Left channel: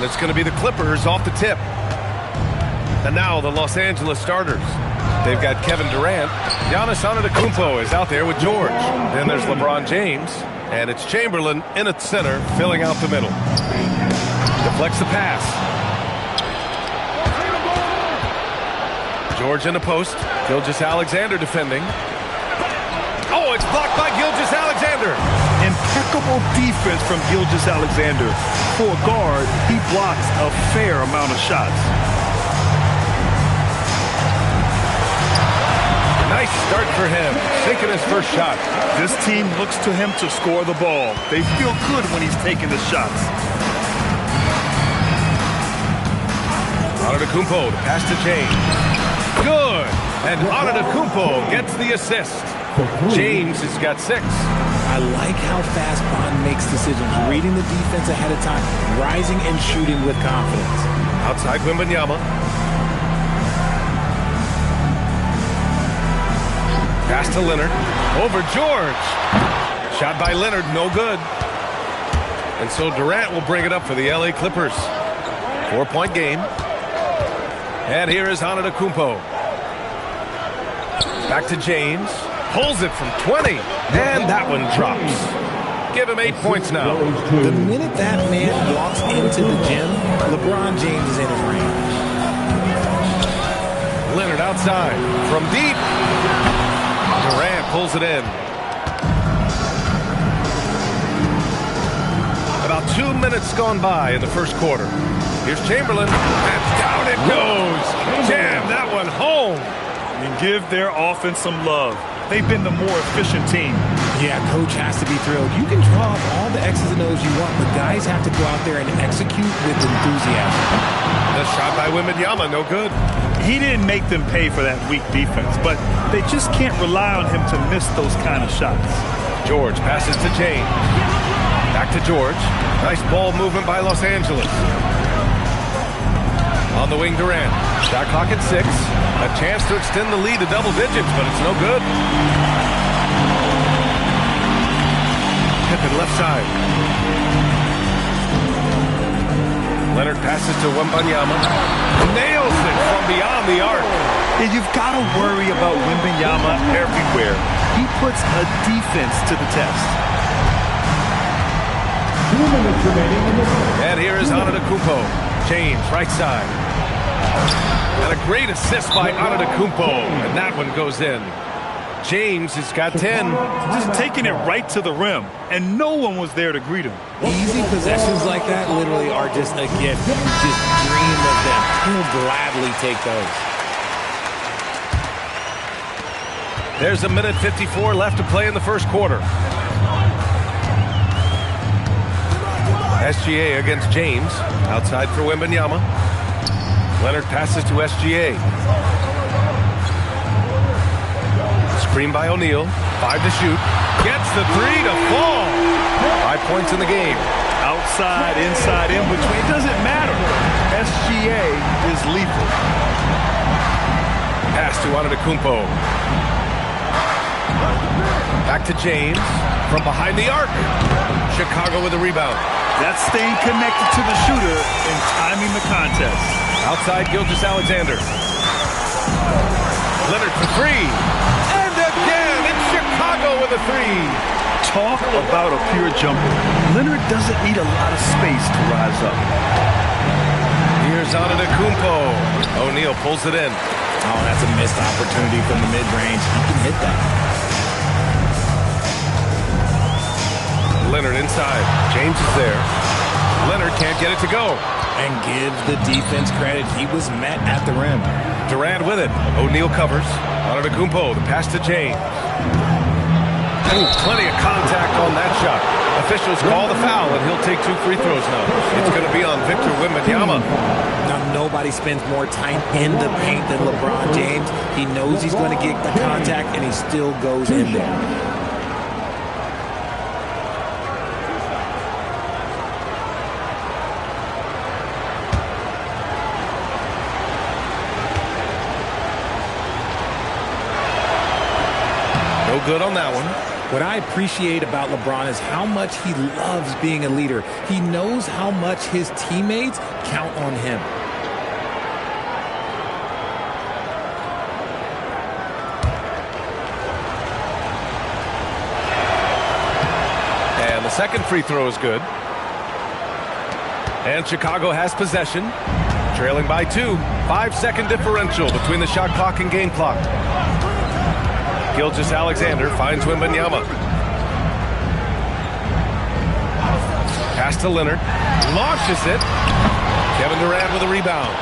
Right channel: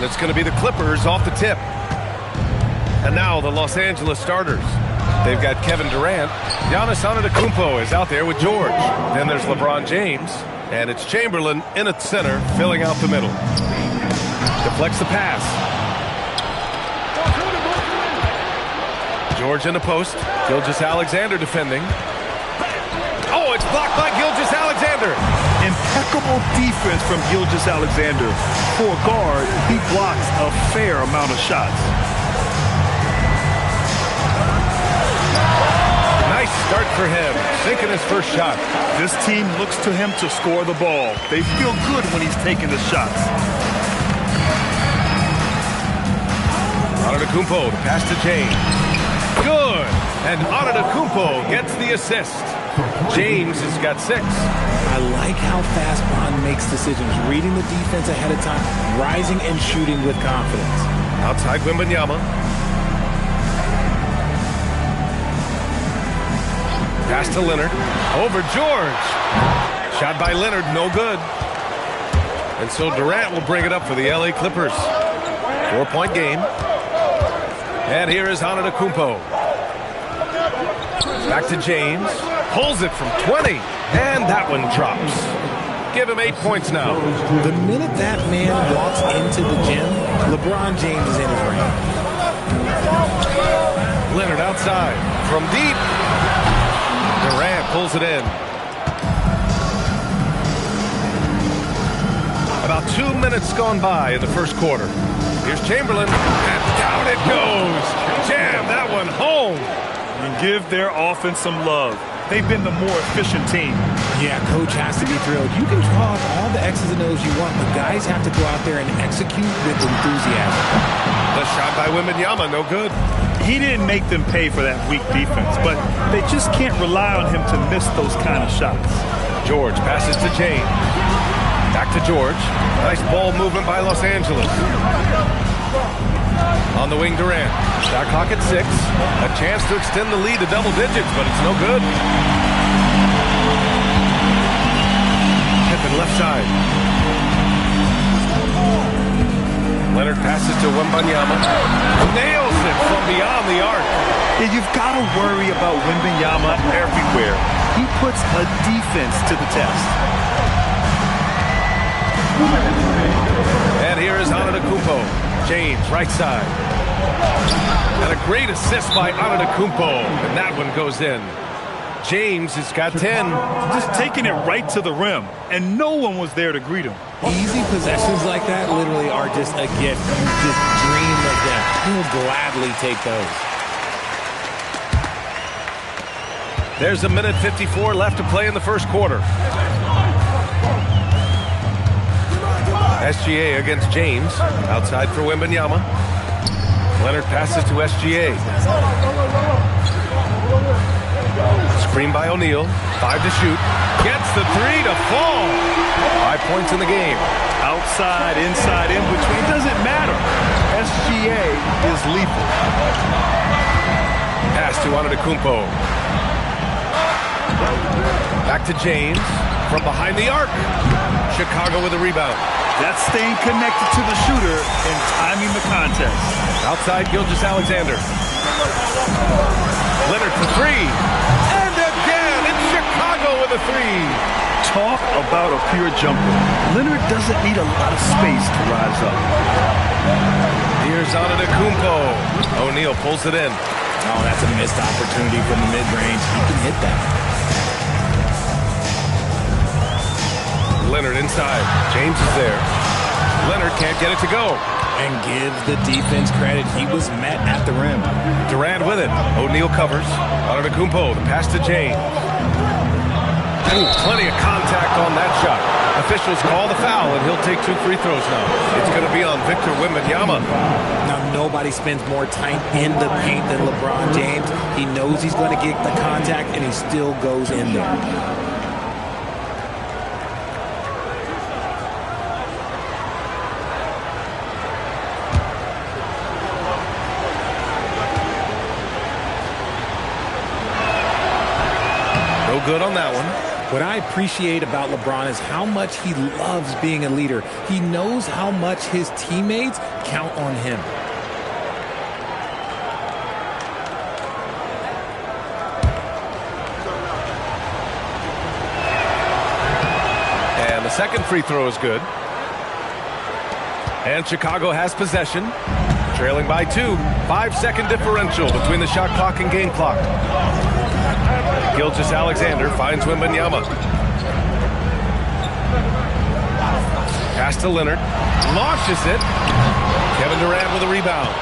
And it's going to be the Clippers off the tip. And now the Los Angeles starters. They've got Kevin Durant. Giannis Antetokounmpo is out there with George. Then there's LeBron James. And it's Chamberlain in at center, filling out the middle. Deflects the pass. George in the post. Gilgeous-Alexander defending. Oh, it's blocked by Gilgeous-Alexander. Impeccable defense from Gilgeous-Alexander. For a guard, he blocks a fair amount of shots. Nice start for him, sinking his first shot. This team looks to him to score the ball. They feel good when he's taking the shots. Antetokounmpo, the pass to James. Good! And Antetokounmpo gets the assist. James has got 6. I like how fast Bond makes decisions, reading the defense ahead of time, rising and shooting with confidence. Outside Wembanyama. Pass to Leonard. Over George. Shot by Leonard, no good. And so Durant will bring it up for the LA Clippers. 4-point game. And here is Antetokounmpo. Back to James. Pulls it from 20. And that one drops. Give him 8 points now. The minute that man walks into the gym, LeBron James is in his range. Leonard outside. From deep. Durant pulls it in. About 2 minutes gone by in the first quarter. Here's Chamberlain, and down it goes. Jam that one home. And give their offense some love. They've been the more efficient team. Yeah, coach has to be thrilled. You can draw up all the X's and O's you want, but guys have to go out there and execute with enthusiasm. The shot by Wembanyama, no good. He didn't make them pay for that weak defense, but they just can't rely on him to miss those kind of shots. George passes to James. Back to George. Nice ball movement by Los Angeles. On the wing, Durant. Shot clock at 6. A chance to extend the lead to double digits, but it's no good. Pippen left side. Leonard passes to Wembanyama. Nails it from beyond the arc. And you've got to worry about Wembanyama everywhere. He puts a defense to the test. And here is Antetokounmpo. James, right side. And a great assist by Antetokounmpo. And that one goes in. James has got 10. Just taking it right to the rim. And no one was there to greet him. Easy possessions like that literally are just a gift. You just dream of them. He'll gladly take those. There's 1:54 left to play in the first quarter. SGA against James. Outside for Wembanyama. Leonard passes to SGA. Screen by O'Neal. 5 to shoot. Gets the 3 to fall. 5 points in the game. Outside, inside, in between. It doesn't matter. SGA is lethal. Pass to Antetokounmpo. Back to James. From behind the arc. Chicago with a rebound. That's staying connected to the shooter and timing the contest. Outside Gilgeous-Alexander. Leonard for 3. And again, it's Chicago with a 3. Talk about a pure jumper. Leonard doesn't need a lot of space to rise up. Here's Antetokounmpo. O'Neal pulls it in. Oh, that's a missed opportunity from the mid-range. He can hit that. Leonard inside. James is there. Leonard can't get it to go. And give the defense credit. He was met at the rim. Durant with it. O'Neal covers. Antetokounmpo, the pass to James. Ooh, plenty of contact on that shot. Officials call the foul, and he'll take 2 free throws now. It's going to be on Victor Wembanyama. Now, nobody spends more time in the paint than LeBron James. He knows he's going to get the contact, and he still goes in there. No good on that one. What I appreciate about LeBron is how much he loves being a leader. He knows how much his teammates count on him. And the second free throw is good. And Chicago has possession, trailing by 2. 5-second differential between the shot clock and game clock. Gilgeous-Alexander finds Wembanyama. Pass to Leonard. Launches it. Kevin Durant with a rebound.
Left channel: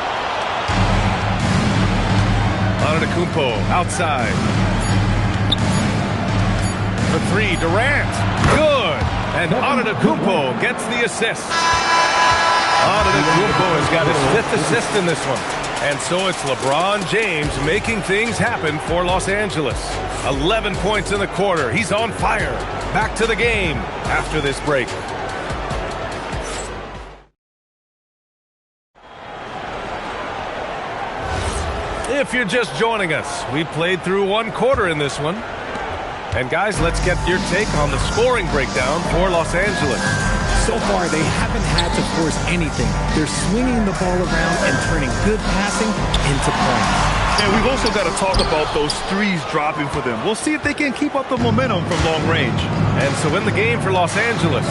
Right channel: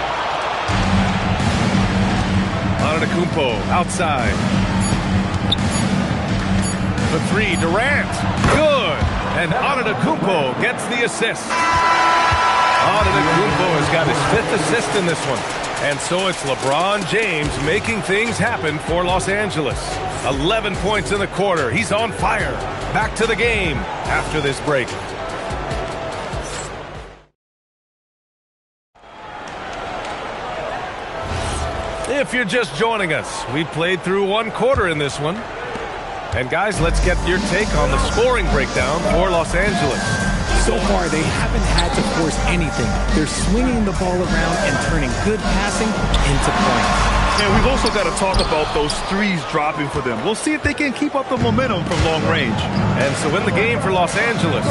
Antetokounmpo outside. For 3, Durant. Good. And Antetokounmpo gets the assist. Antetokounmpo has got his 5th assist in this one. And so it's LeBron James making things happen for Los Angeles. 11 points in the quarter. He's on fire. Back to the game after this break. If you're just joining us, we played through 1 quarter in this one. And guys, let's get your take on the scoring breakdown for Los Angeles. So far, they haven't had to force anything. They're swinging the ball around and turning good passing into points. And we've also got to talk about those threes dropping for them. We'll see if they can keep up the momentum from long range. And so in the game for Los Angeles,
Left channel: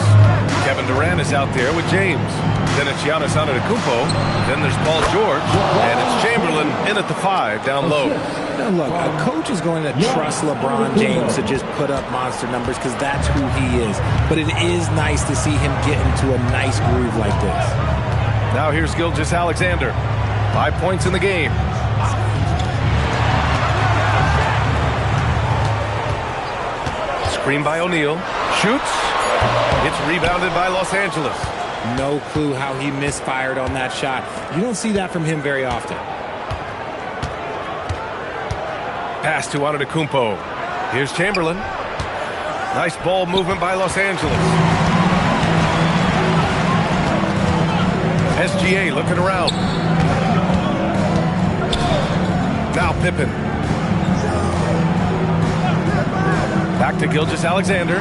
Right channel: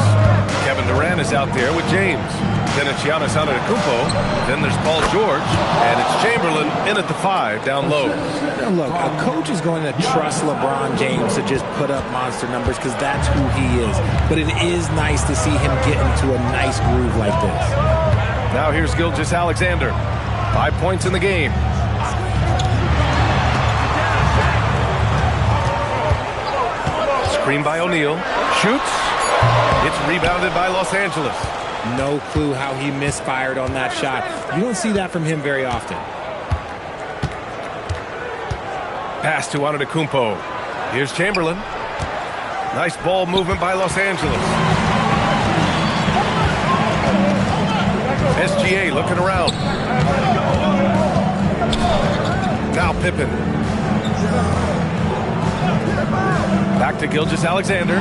Kevin Durant is out there with James. Then it's Giannis Antetokounmpo. Then there's Paul George. And it's Chamberlain in at the 5 down low. Now look, a coach is going to trust LeBron James to just put up monster numbers because that's who he is. But it is nice to see him get into a nice groove like this. Now here's Gilgeous-Alexander. 5 points in the game. Screen by O'Neal. Shoots. It's rebounded by Los Angeles. No clue how he misfired on that shot. You don't see that from him very often. Pass to Antetokounmpo. Here's Chamberlain. Nice ball movement by Los Angeles. SGA looking around. Now Pippen. Back to Gilgeous-Alexander.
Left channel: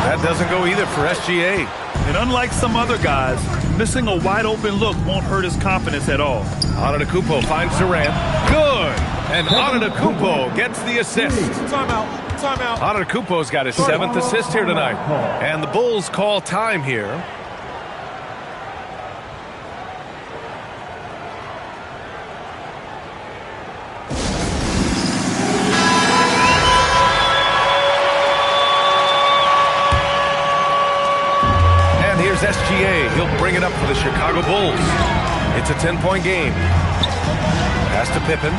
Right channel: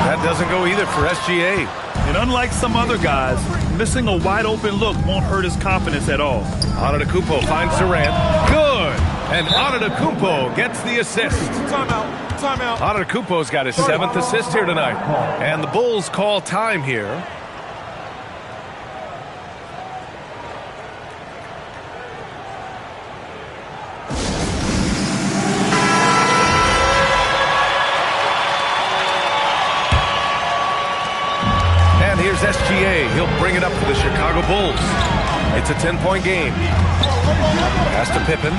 That doesn't go either for SGA. And unlike some other guys, missing a wide open look won't hurt his confidence at all. Antetokounmpo finds Durant. Good. And Antetokounmpo gets the assist. Timeout. Antetokounmpo's got his 7th assist here tonight. And the Bulls call time here. And here's SGA. He'll bring it up for the Chicago Bulls. It's a 10-point game. Pass to Pippen.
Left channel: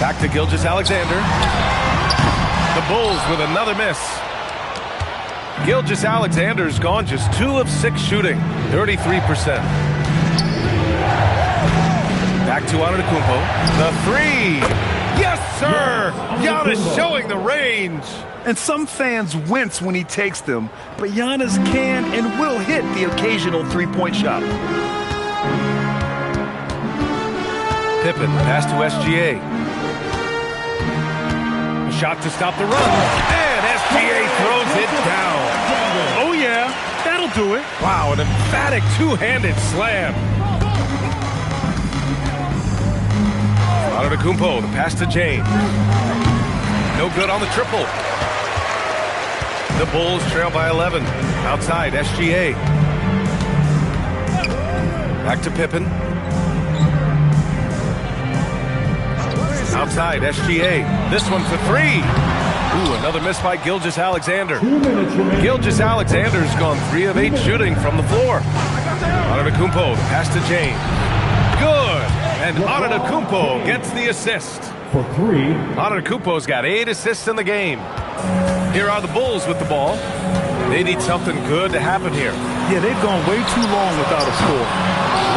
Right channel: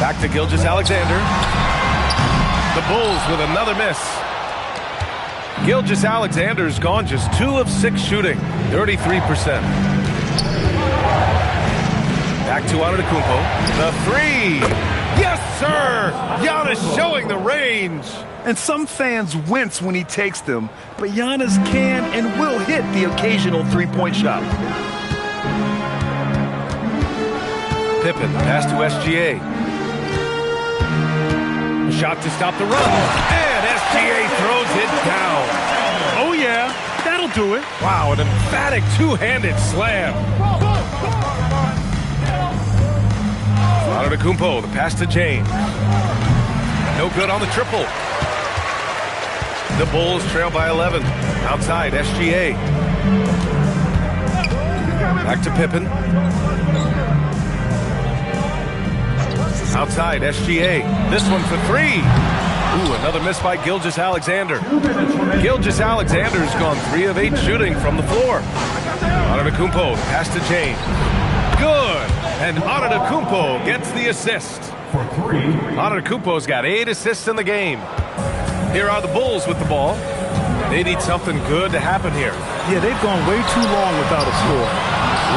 Back to Gilgeous-Alexander. The Bulls with another miss. Gilgeous-Alexander's gone just 2 of 6 shooting, 33%. Back to Antetokounmpo. The 3. Yes, sir! Giannis showing the range. And some fans wince when he takes them, but Giannis can and will hit the occasional three-point shot. Pippen, pass to SGA. A shot to stop the run. And SGA throws it down. Oh, yeah, that'll do it. Wow, an emphatic two-handed slam. Antetokounmpo, the pass to James. No good on the triple. The Bulls trail by 11. Outside, SGA. Back to Pippen. Outside, SGA. This one for 3. Ooh, another miss by Gilgeous-Alexander. Gilgeous-Alexander's gone 3 of 8 shooting from the floor. Antetokounmpo, the pass to James. Good. And Antetokounmpo gets the assist. For 3. Antetokounmpo's got 8 assists in the game. Here are the Bulls with the ball. They need something good to happen here. Yeah, they've gone way too long without a score.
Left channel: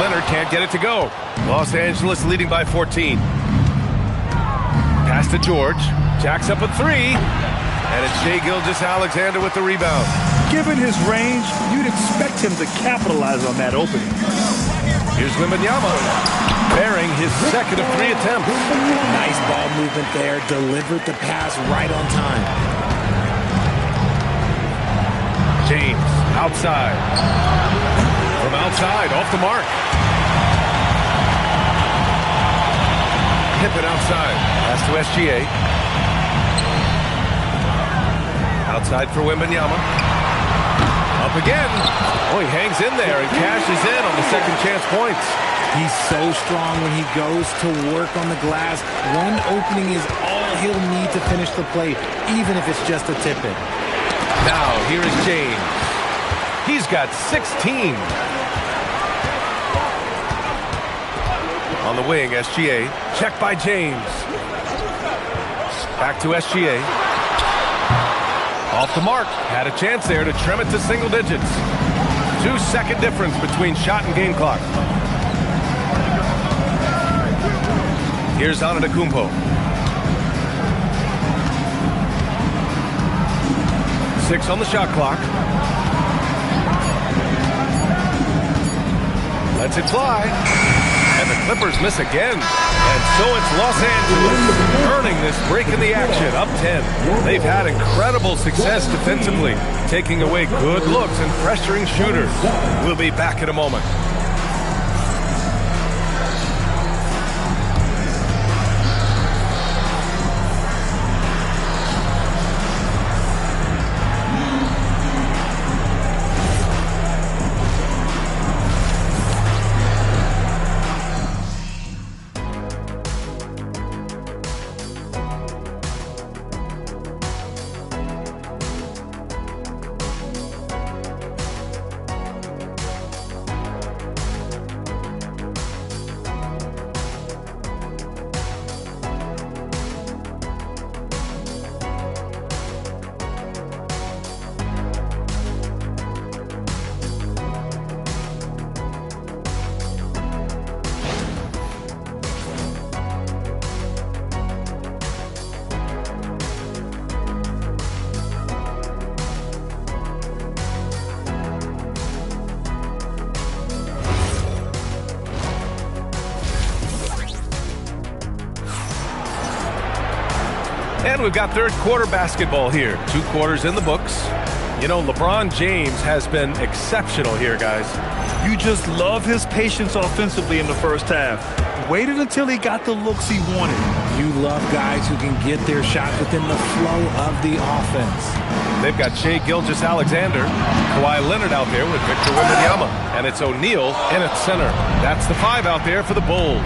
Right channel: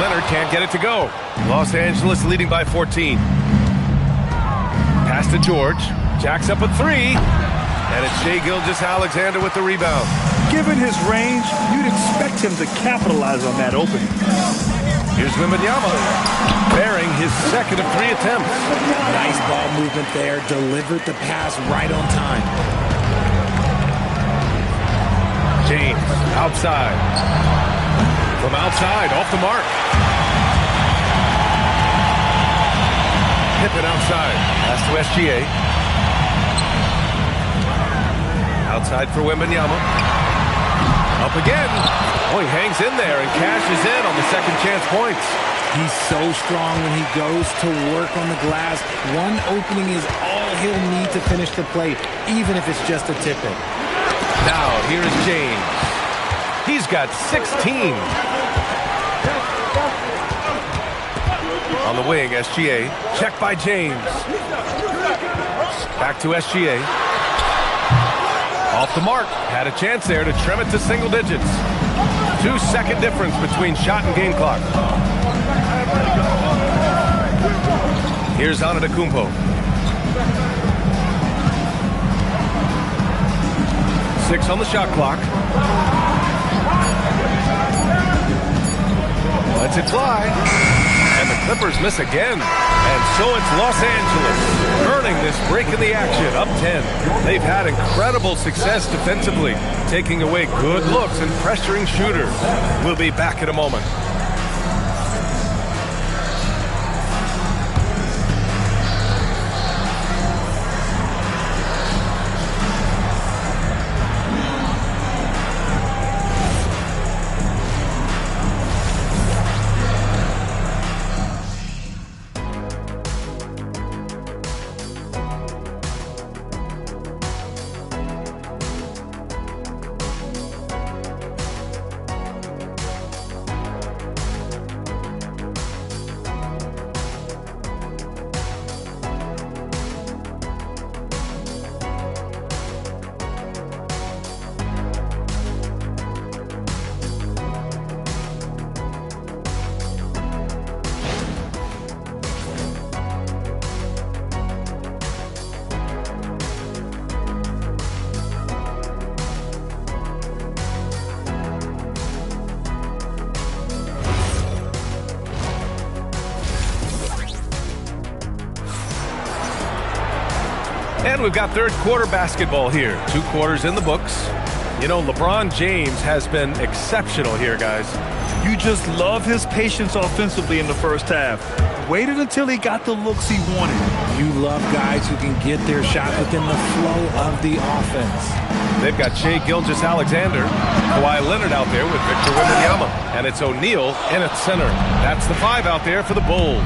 Leonard can't get it to go. Los Angeles leading by 14. Pass to George. Jacks up a 3. And it's Shai Gilgeous-Alexander with the rebound. Given his range, you'd expect him to capitalize on that opening. Here's Wembanyama. bearing his second of 3 attempts. Nice ball movement there. Delivered the pass right on time. James, outside. From outside, off the mark. Pippen outside. Pass to SGA. Outside for Wembanyama. Up again. Oh, he hangs in there and cashes in on the second chance points. He's so strong when he goes to work on the glass. One opening is all he'll need to finish the play, even if it's just a tip-in. Now, here is James. He's got 16. On the wing, SGA. Check by James. Back to SGA. Off the mark. Had a chance there to trim it to single digits. 2-second difference between shot and game clock. Here's Antetokounmpo. 6 on the shot clock. Lets it fly. And the Clippers miss again. And so it's Los Angeles earning this break in the action, up 10. They've had incredible success defensively, taking away good looks and pressuring shooters. We'll be back in a moment. And we've got third quarter basketball here. 2 quarters in the books. You know, LeBron James has been exceptional here, guys. You just love his patience offensively in the first half. Waited until he got the looks he wanted. You love guys who can get their shot within the flow of the offense. They've got Shai Gilgeous-Alexander, Kawhi Leonard out there with Victor Wembanyama. And it's O'Neal in at center. That's the 5 out there for the Bulls.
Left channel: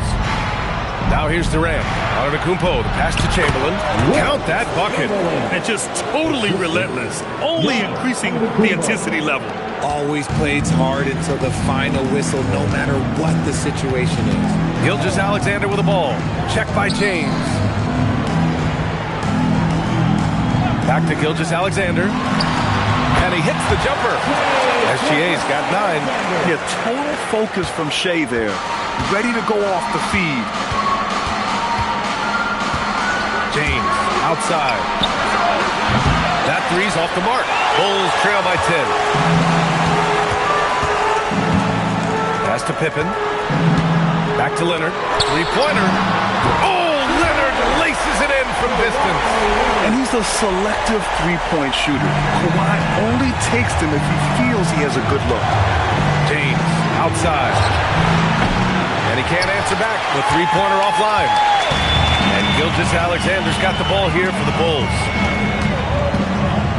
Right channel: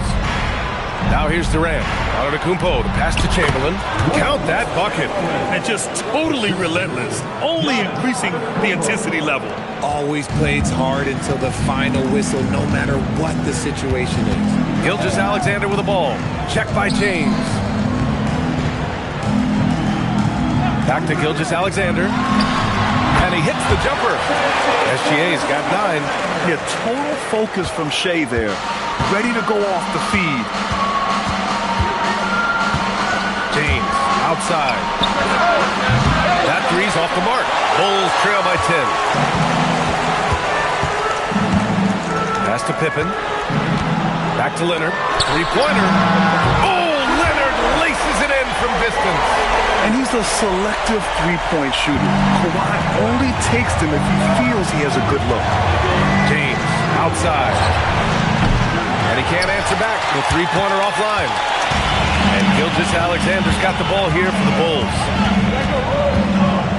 Now here's Durant. Antetokounmpo, the pass to Chamberlain. Count that bucket. And just totally relentless, only increasing the intensity level. Always plays hard until the final whistle, no matter what the situation is. Gilgeous-Alexander with the ball. Check by James. Back to Gilgeous-Alexander. And he hits the jumper. SGA's got 9. Yeah, total focus from Shai there. Ready to go off the feed. James, outside. That 3's off the mark. Bulls trail by 10. Pass to Pippen. Back to Leonard. 3-pointer. Oh, Leonard laces it in from distance. And he's a selective 3-point shooter. Kawhi only takes them if he feels he has a good look. James, outside. And he can't answer back. The 3-pointer offline. And Gilgeous-Alexander's got the ball here for the Bulls.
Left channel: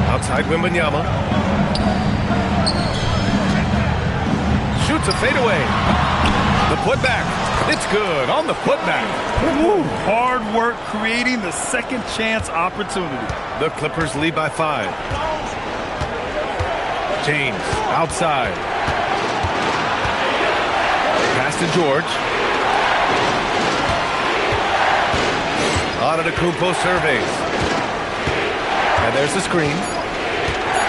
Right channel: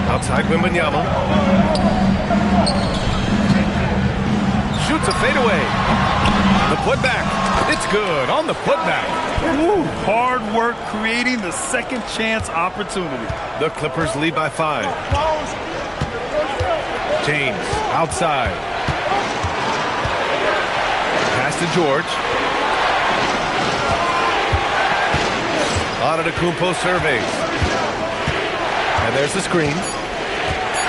Outside Wembanyama. Shoots a fadeaway. The putback. It's good on the putback. Woo, hard work creating the second chance opportunity. The Clippers lead by 5. James, outside. Pass to George. Antetokounmpo surveys. And there's the screen.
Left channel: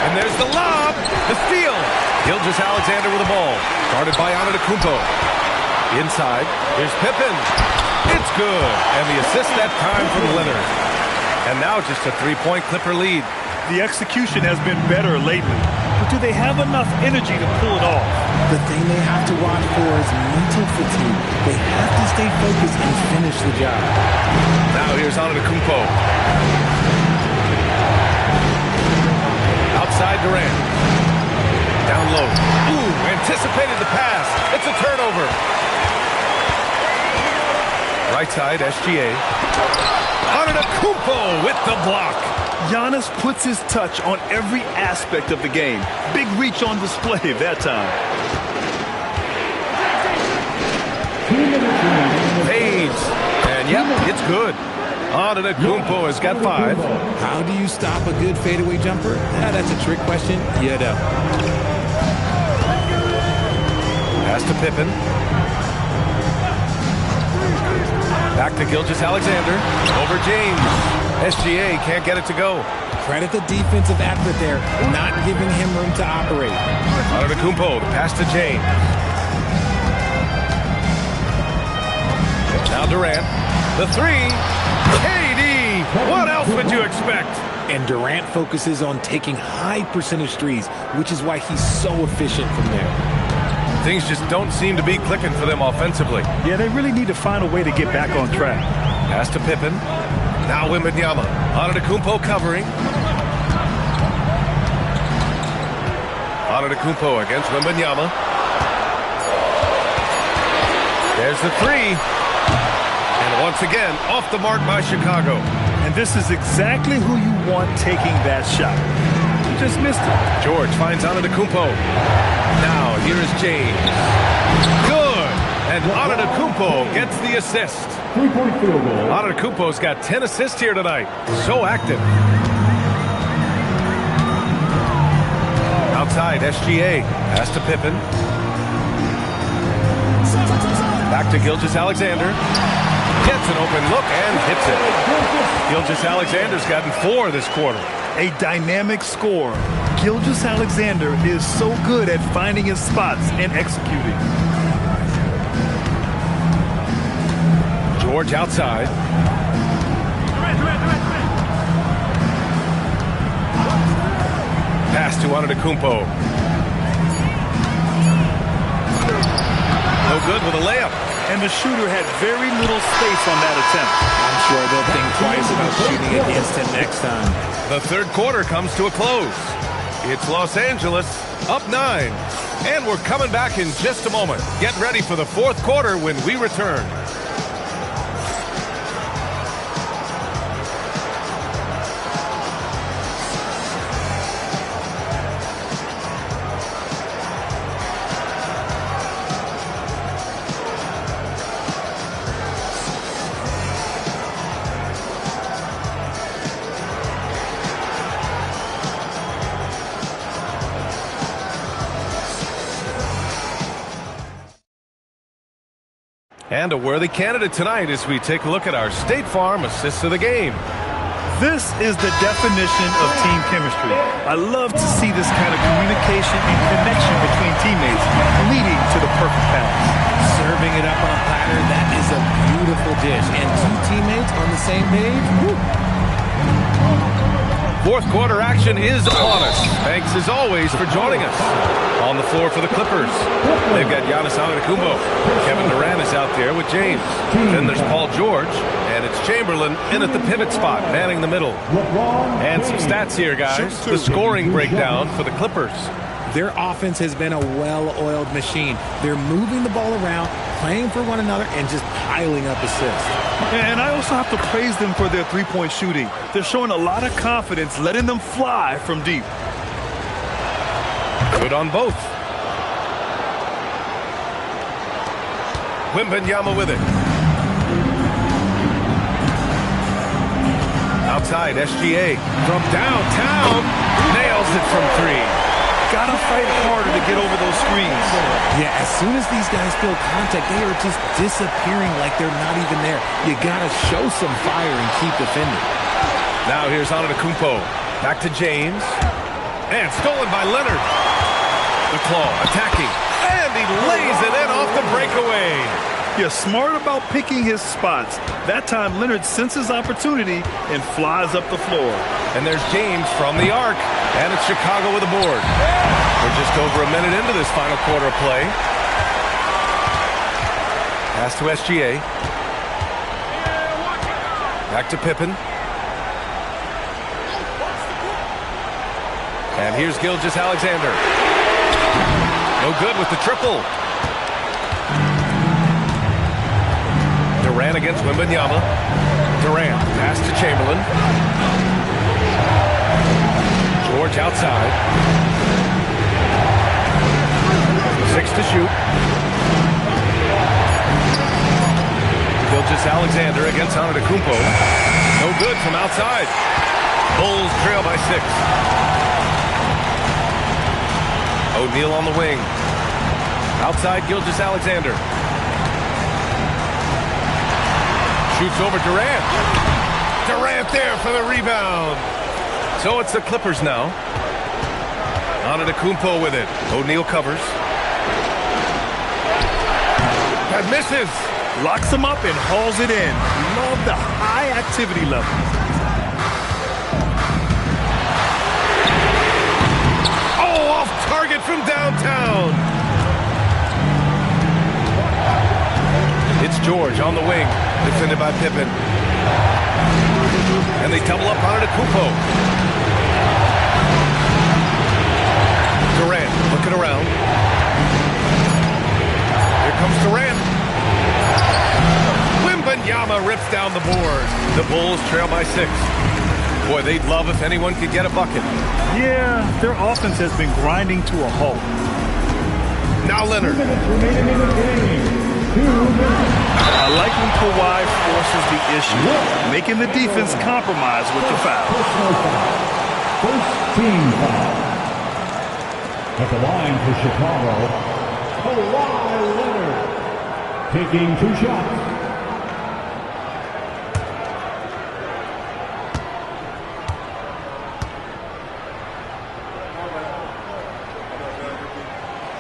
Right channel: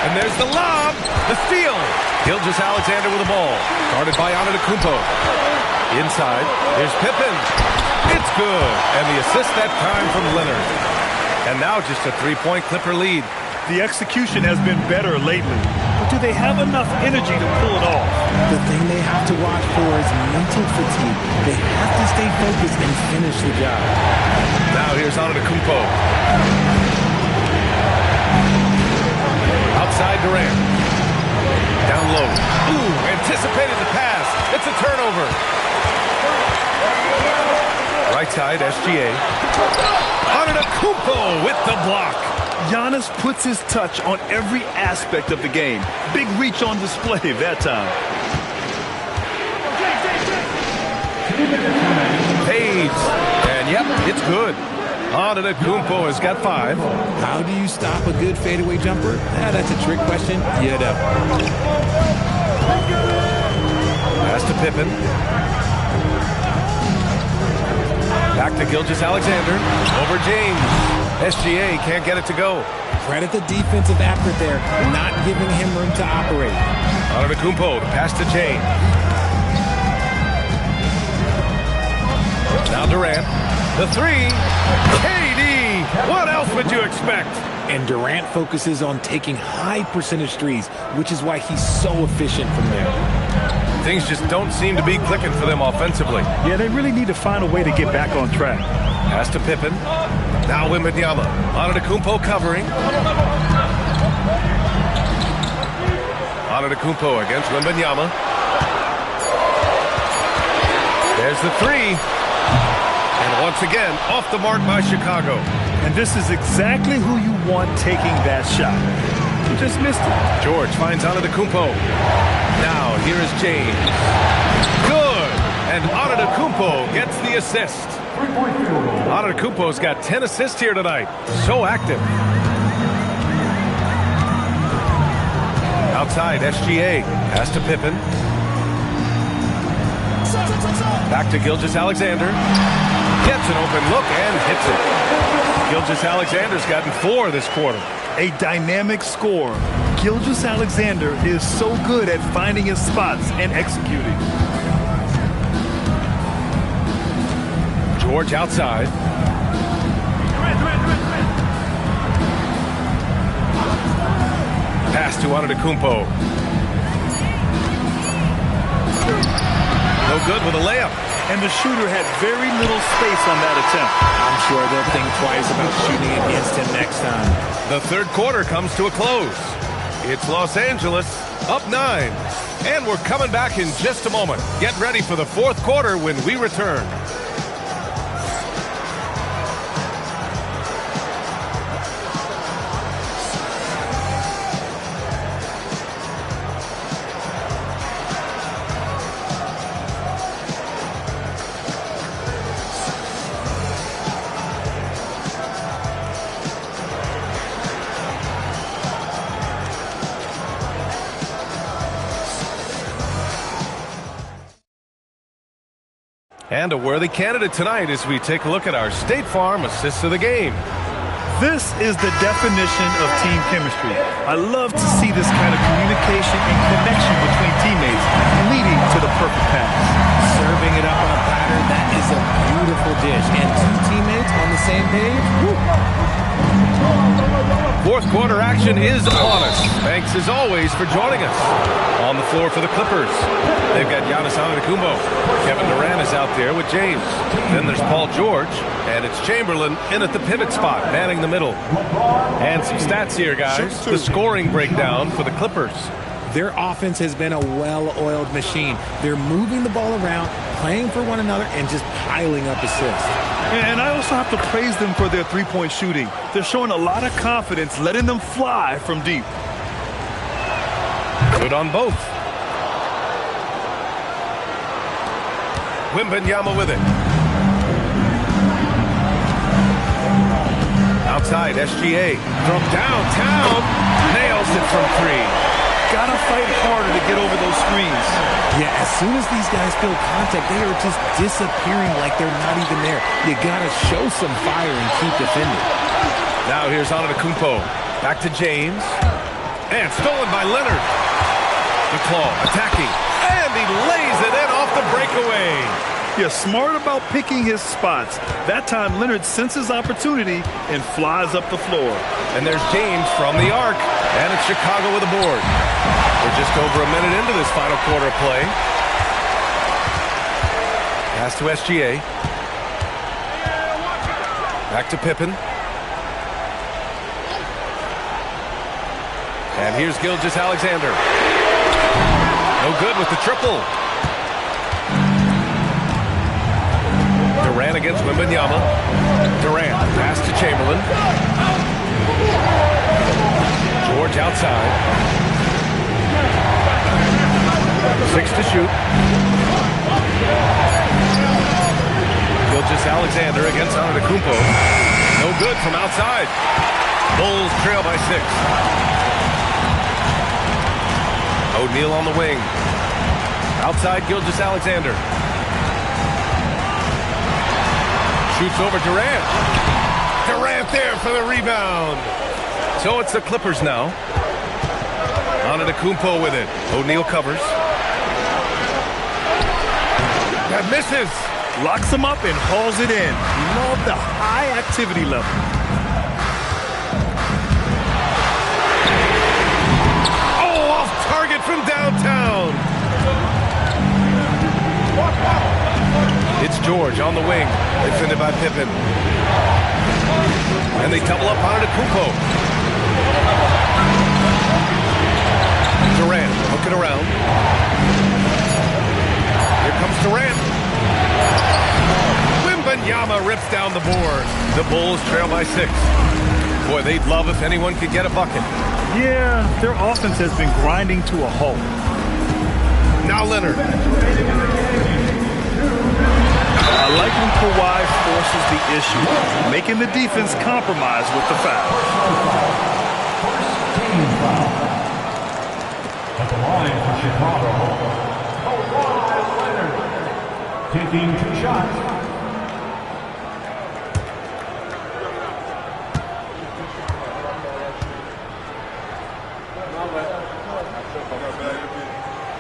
And there's the lob. The steal. Gilgeous-Alexander with the ball. Guarded by Antetokounmpo. Inside. Here's Pippen. It's good. And the assist that time from Leonard. And now just a 3-point Clipper lead. The execution has been better lately. but do they have enough energy to pull it off? The thing they have to watch for is mental fatigue. They have to stay focused and finish the job. Now here's Antetokounmpo. Outside Durant. Down low. Ooh, anticipated the pass. It's a turnover. Right side, SGA. Antetokounmpo with the block. Giannis puts his touch on every aspect of the game. Big reach on display that time. Fades. And yep, it's good. Antetokounmpo has got 5. How do you stop a good fadeaway jumper? That's a trick question. You know. Pass to Pippen. Back to Gilgeous-Alexander. Over James. SGA can't get it to go. Credit the defensive effort there, not giving him room to operate. Antetokounmpo, the pass to James. Now Durant. The 3. KD! What else would you expect? And Durant focuses on taking high percentage threes, which is why he's so efficient from there. Things just don't seem to be clicking for them offensively. Yeah, they really need to find a way to get back on track. Pass to Pippen. Now Wembanyama. Antetokounmpo covering. Antetokounmpo against Wembanyama. There's the 3. And once again, off the mark by Chicago. And this is exactly who you want taking that shot. You just missed it. George finds Antetokounmpo. Now here is James. Good. And Antetokounmpo gets the assist. Antetokounmpo's got 10 assists here tonight. So active. Outside, SGA. Pass to Pippen. Back to Gilgeous-Alexander. Gets an open look and hits it. Gilgeous-Alexander's gotten 4 this quarter. A dynamic scorer. Gilgeous-Alexander is so good at finding his spots and executing. George outside. Pass to Antetokounmpo. No good with a layup. And the shooter had very little space on that attempt. I'm sure they'll think twice about shooting against him next time. The third quarter comes to a close. It's Los Angeles up 9. And we're coming back in just a moment. Get ready for the fourth quarter when we return. And a worthy candidate tonight as we take a look at our State Farm assists of the game. This is the definition of team chemistry. I love to see this kind of communication and connection between teammates leading to the perfect pass. Serving it up on a platter, that is a beautiful dish. And 2 teammates on the same page. Woo. Fourth quarter action is upon us. Thanks as always for joining us. On the floor for the Clippers, they've got Giannis Antetokounmpo. Kevin Durant is out there with James. Then there's Paul George, and it's Chamberlain in at the pivot spot, manning the middle. And some stats here, guys. The scoring breakdown for the Clippers. Their offense has been a well-oiled machine. They're moving the ball around, playing for one another, and just piling up assists. And I also have to praise them for their three-point shooting. They're showing a lot of confidence, letting them fly from deep. Good on both. Wembanyama with it. Outside, SGA from downtown. Nails it from 3. Gotta fight harder to get over those screens. Yeah, as soon as these guys feel contact, they are just disappearing like they're not even there. You gotta show some fire and keep defending. Now here's Antetokounmpo. Back to James. And stolen by Leonard. The claw attacking. And he lays it in off the breakaway. Yeah, smart about picking his spots. That time Leonard senses opportunity and flies up the floor. And there's James from the arc. And it's Chicago with a board. We're just over a minute into this final quarter of play. Pass to SGA. Back to Pippen. And here's Gilgeous-Alexander. No good with the triple. Durant against Wembanyama. Durant, pass to Chamberlain. George outside. 6 to shoot. Gilgeous-Alexander against Antetokounmpo. No good from outside. Bulls trail by 6. O'Neal on the wing. Outside Gilgeous-Alexander. Shoots over Durant. Durant there for the rebound. So it's the Clippers now. Antetokounmpo with it. O'Neal covers. That misses. Locks him up and hauls it in. Love the high activity level. Oh, off target from downtown. It's George on the wing, defended by Pippen. And they double up on Antetokounmpo. Durant looking around. Here comes Durant. Wembanyama rips down the board. The Bulls trail by 6. Boy, they'd love if anyone could get a bucket. Yeah, their offense has been grinding to a halt. Now Leonard. I like when Kawhi forces the issue, making the defense compromise with the foul. First team foul. At the line for Chicago, Kawhi Leonard, taking 2 shots.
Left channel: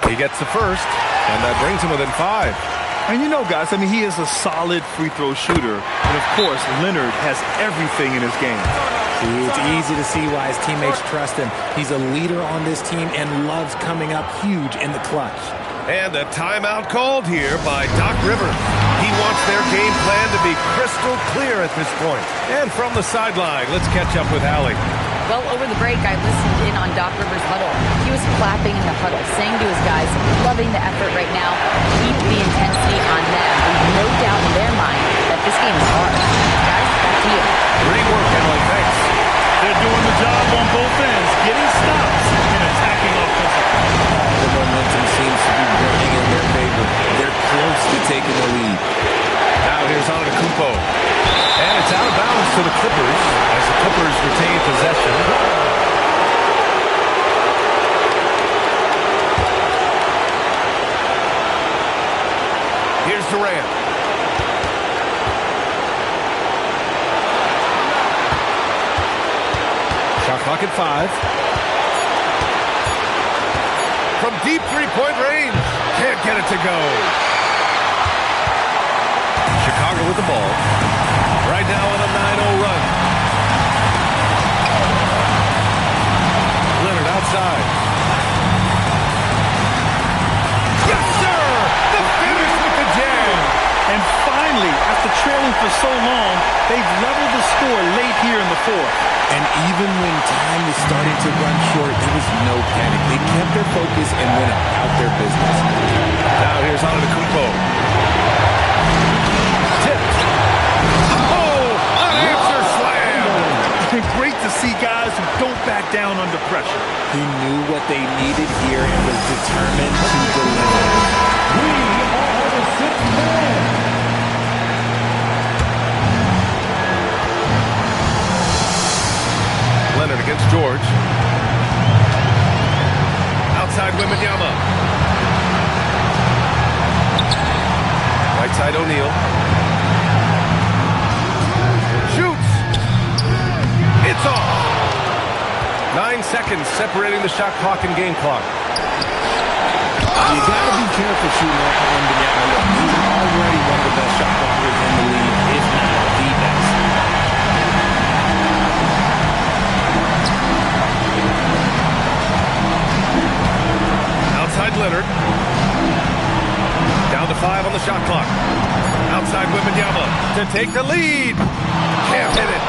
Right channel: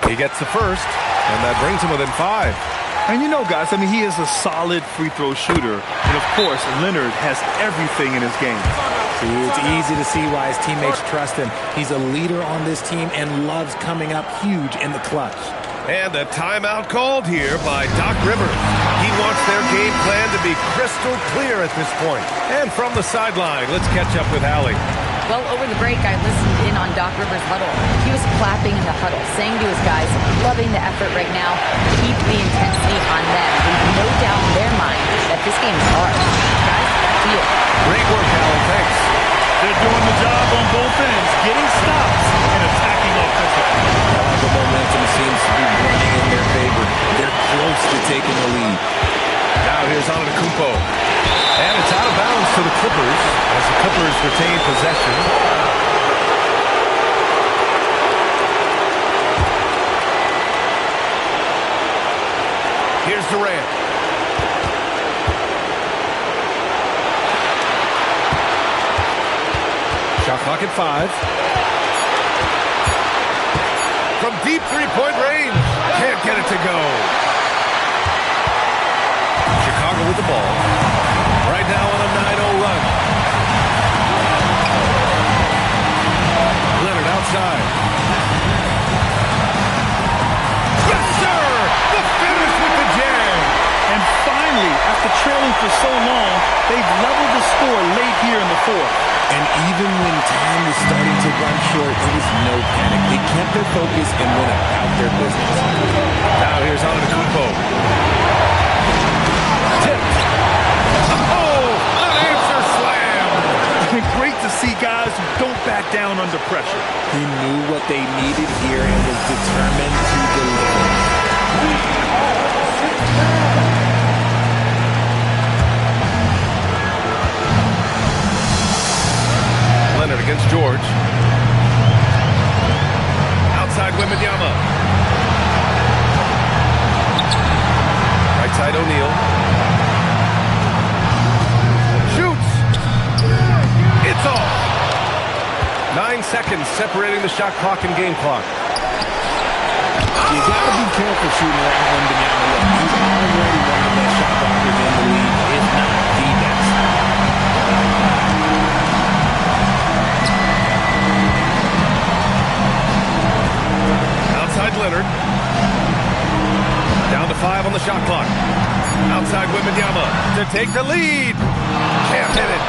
He gets the first, and that brings him within 5. And you know, guys, I mean, he is a solid free throw shooter. And, of course, Leonard has everything in his game. See, it's easy to see why his teammates trust him. He's a leader on this team and loves coming up huge in the clutch. And a timeout called here by Doc Rivers. He wants their game plan to be crystal clear at this point. And from the sideline, let's catch up with Allie. Well, over the break, I listened in on Doc Rivers' huddle. He was clapping in the huddle, saying to his guys, loving the effort right now, keep the intensity on them. Leave no doubt in their mind that this game is hard. Guys, back to you. Great work, Allie. Thanks. They're doing the job on both ends, getting stops and attacking offensively. All the momentum seems to be running in their favor. They're close to taking the lead. Now here's Antetokounmpo. And it's out of bounds to the Clippers as the Clippers retain possession. Here's Durant. Shot clock at 5. From deep three-point range. Can't get it to go. Chicago with the ball. Right now on a 9-0 run. Leonard outside. Yes, sir! The finish with the jam. And finally, after trailing for so long, they've leveled the score late here in the 4th. And even when time was starting to run short, there was no panic. They kept their focus and went about their business. Now here's Antetokounmpo. Tipped. Oh, unanswered slam. Great to see guys who don't back down under pressure. He knew what they needed here and was determined to deliver. We are the 6th man. Leonard against George. Outside Wembanyama. Right side O'Neal. Shoots. It's off. 9 seconds separating the shot clock and game clock. You got to be careful shooting around Wembanyama. Look, he's already one of the best shot blockers in the league, if not the best. Leonard. Down to 5 on the shot clock. Outside Wembanyama to take the lead. Can't hit it.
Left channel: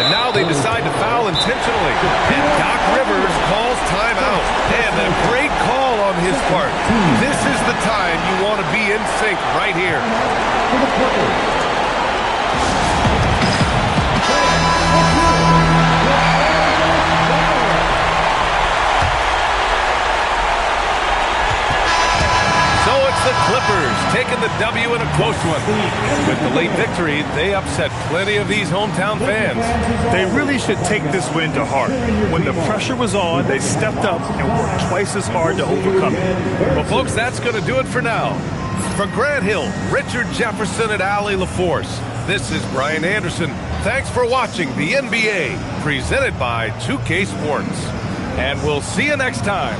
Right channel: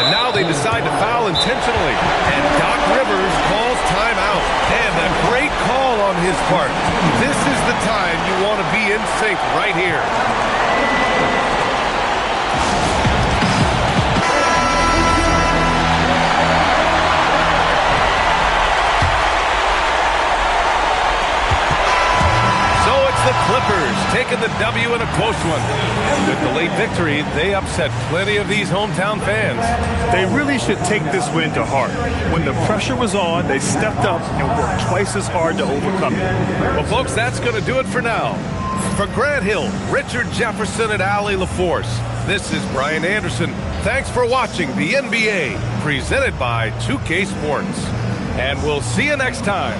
And now they decide to foul intentionally. And Doc Rivers calls timeout. And a great call on his part. This is the time you want to be in sync right here. So it's the Clippers taking the W in a close one. With the late victory, they upset plenty of these hometown fans. They really should take this win to heart. When the pressure was on, they stepped up and worked twice as hard to overcome it. Well, folks, that's going to do it for now. For Grant Hill, Richard Jefferson, and Allie LaForce, this is Brian Anderson. Thanks for watching the NBA, presented by 2K Sports. And we'll see you next time.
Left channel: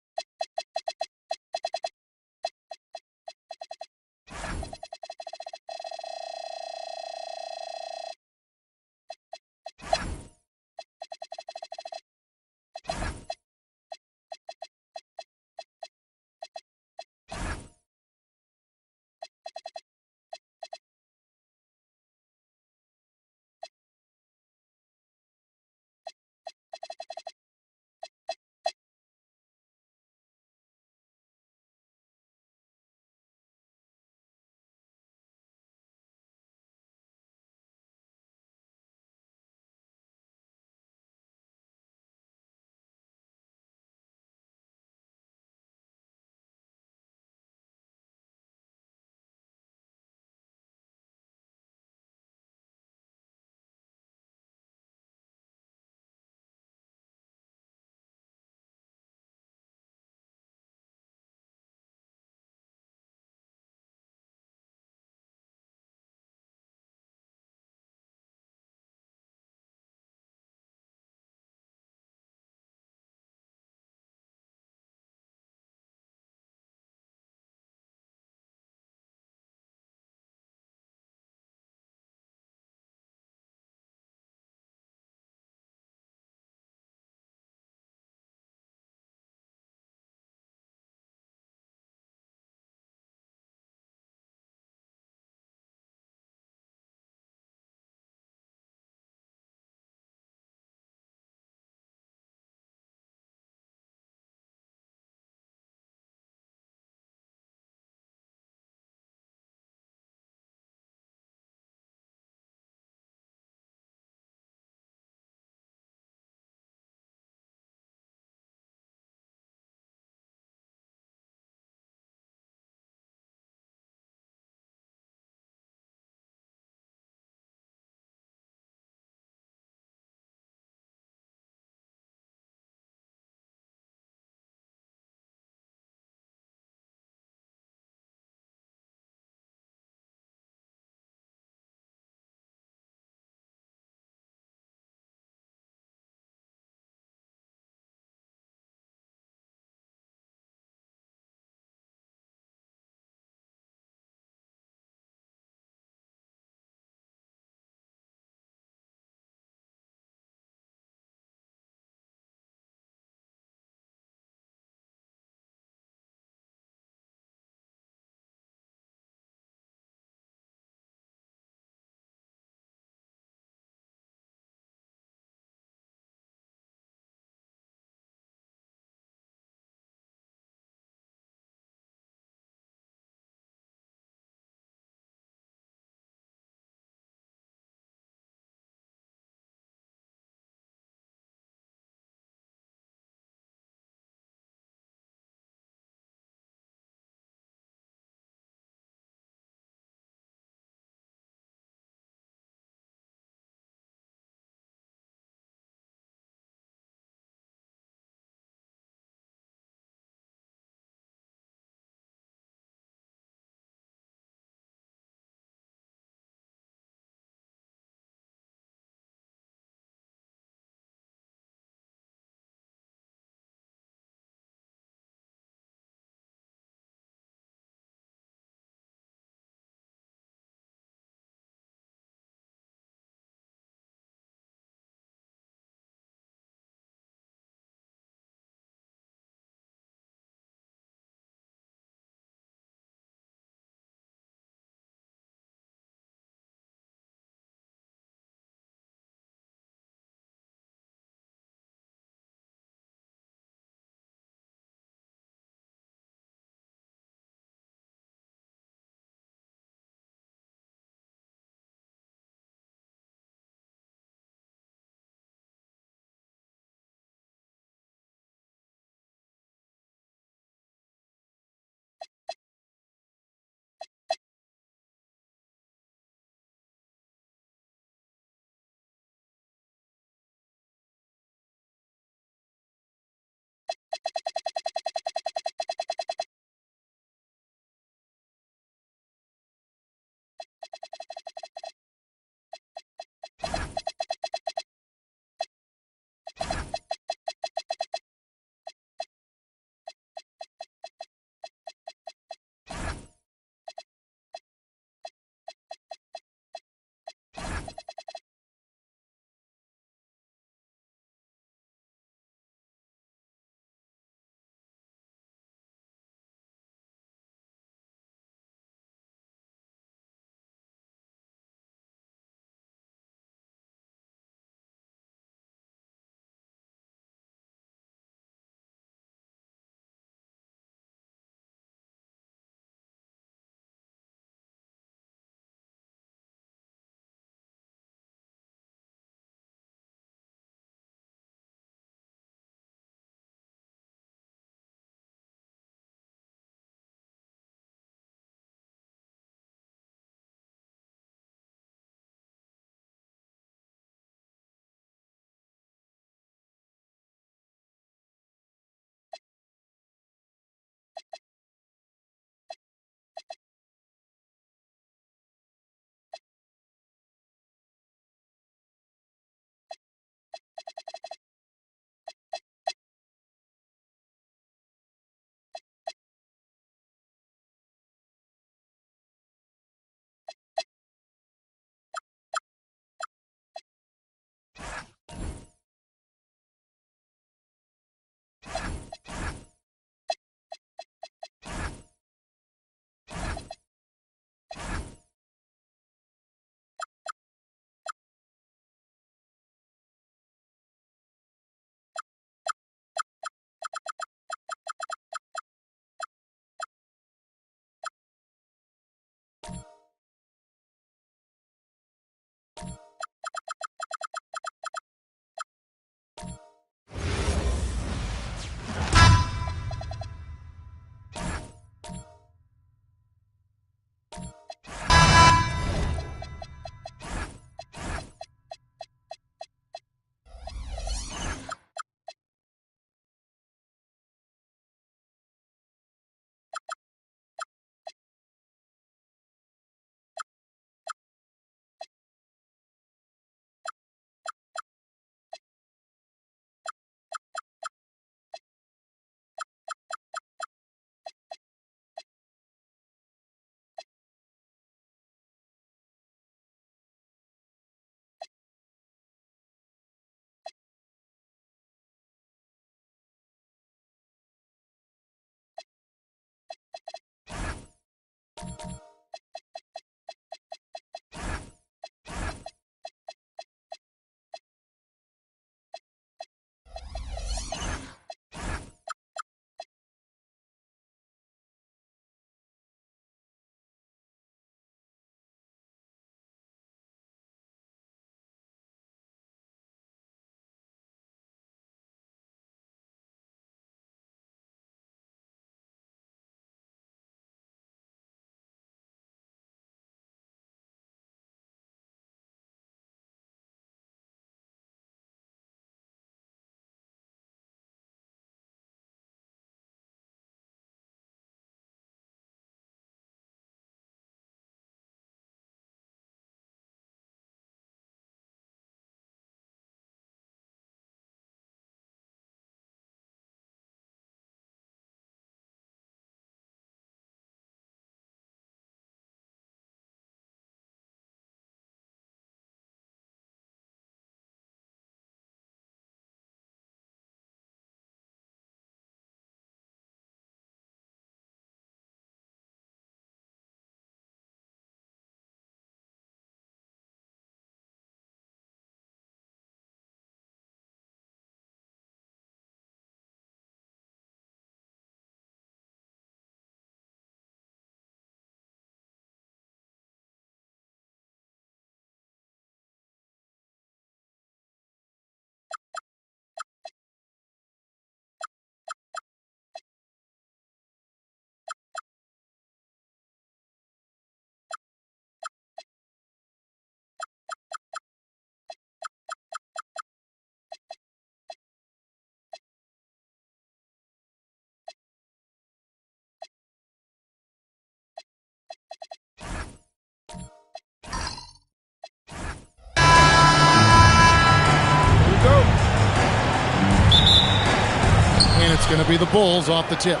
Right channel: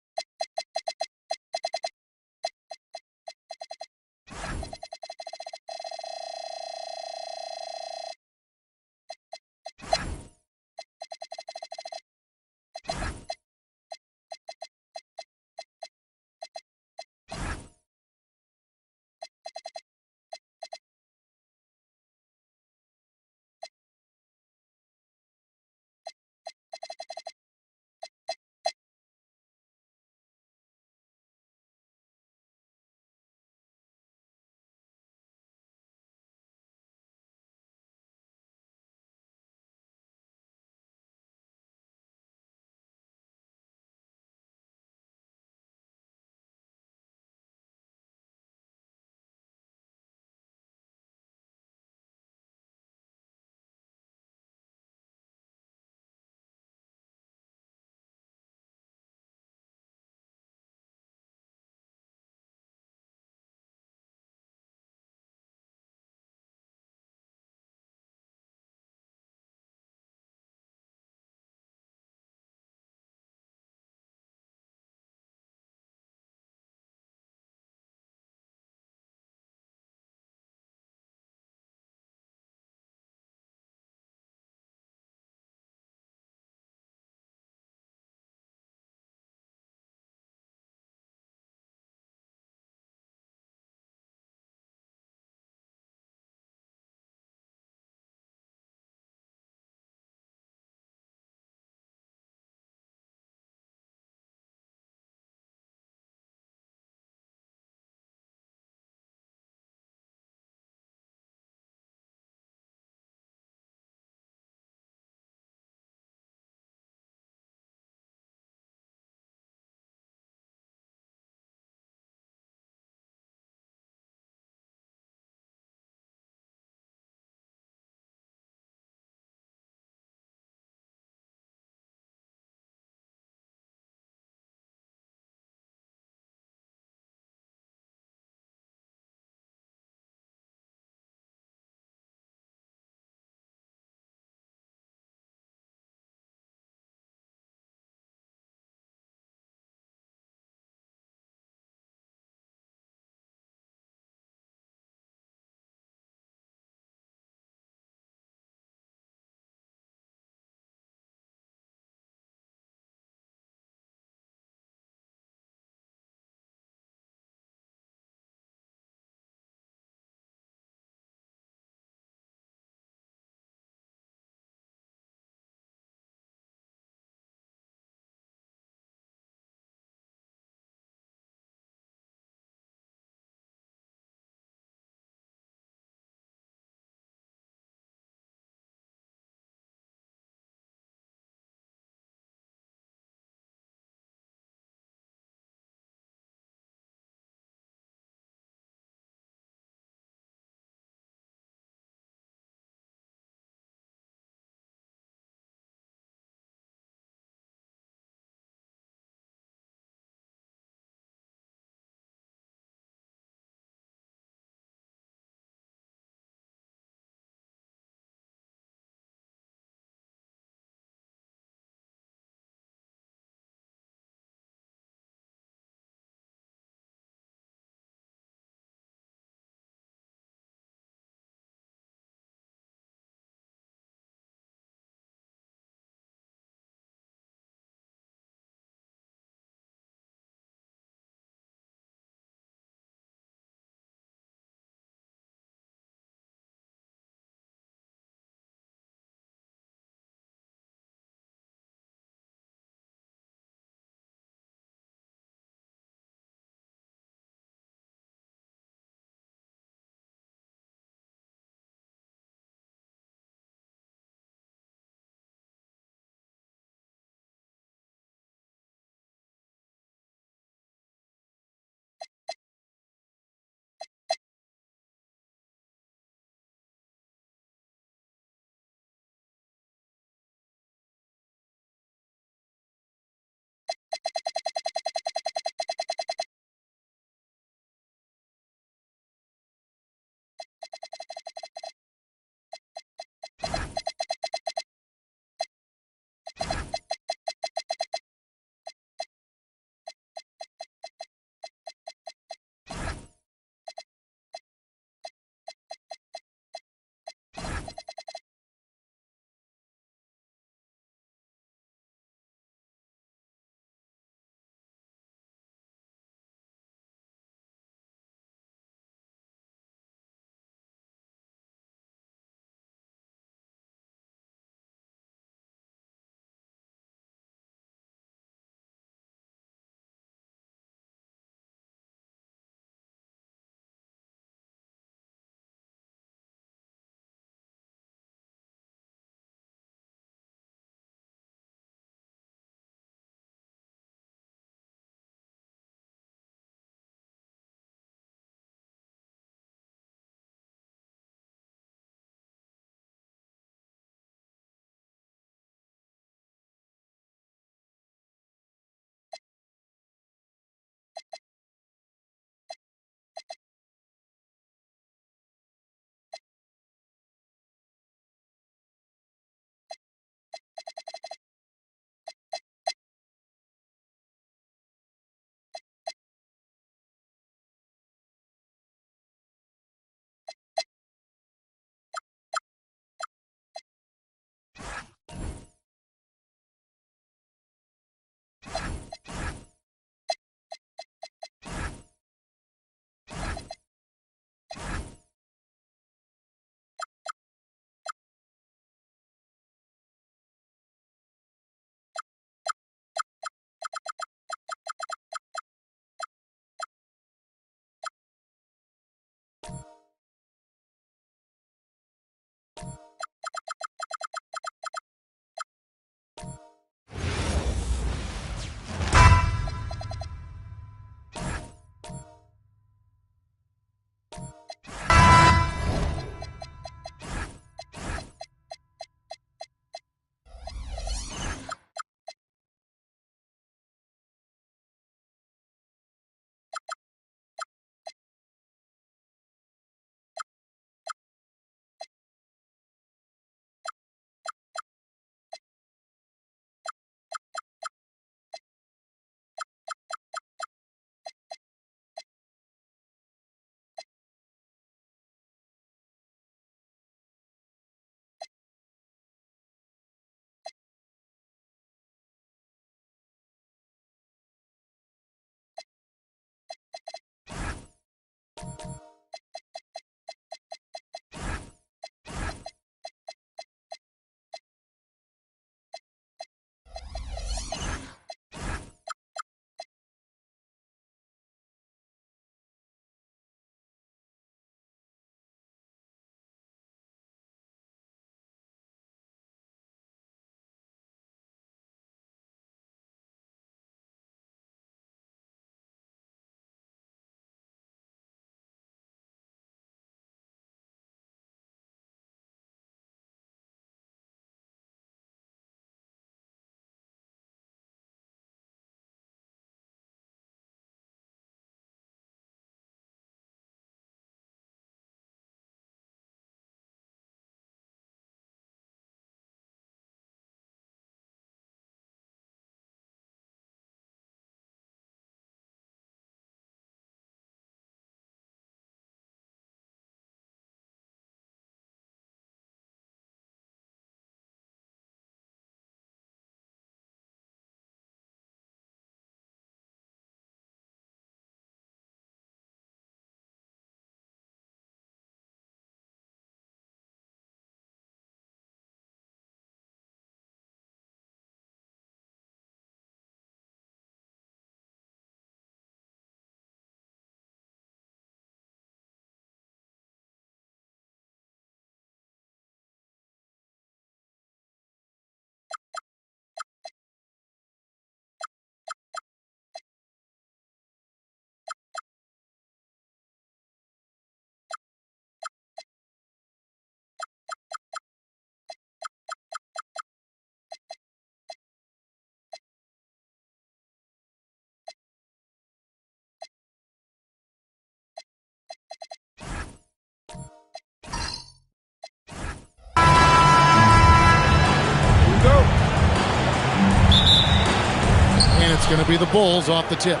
It's going to be the Bulls off the tip.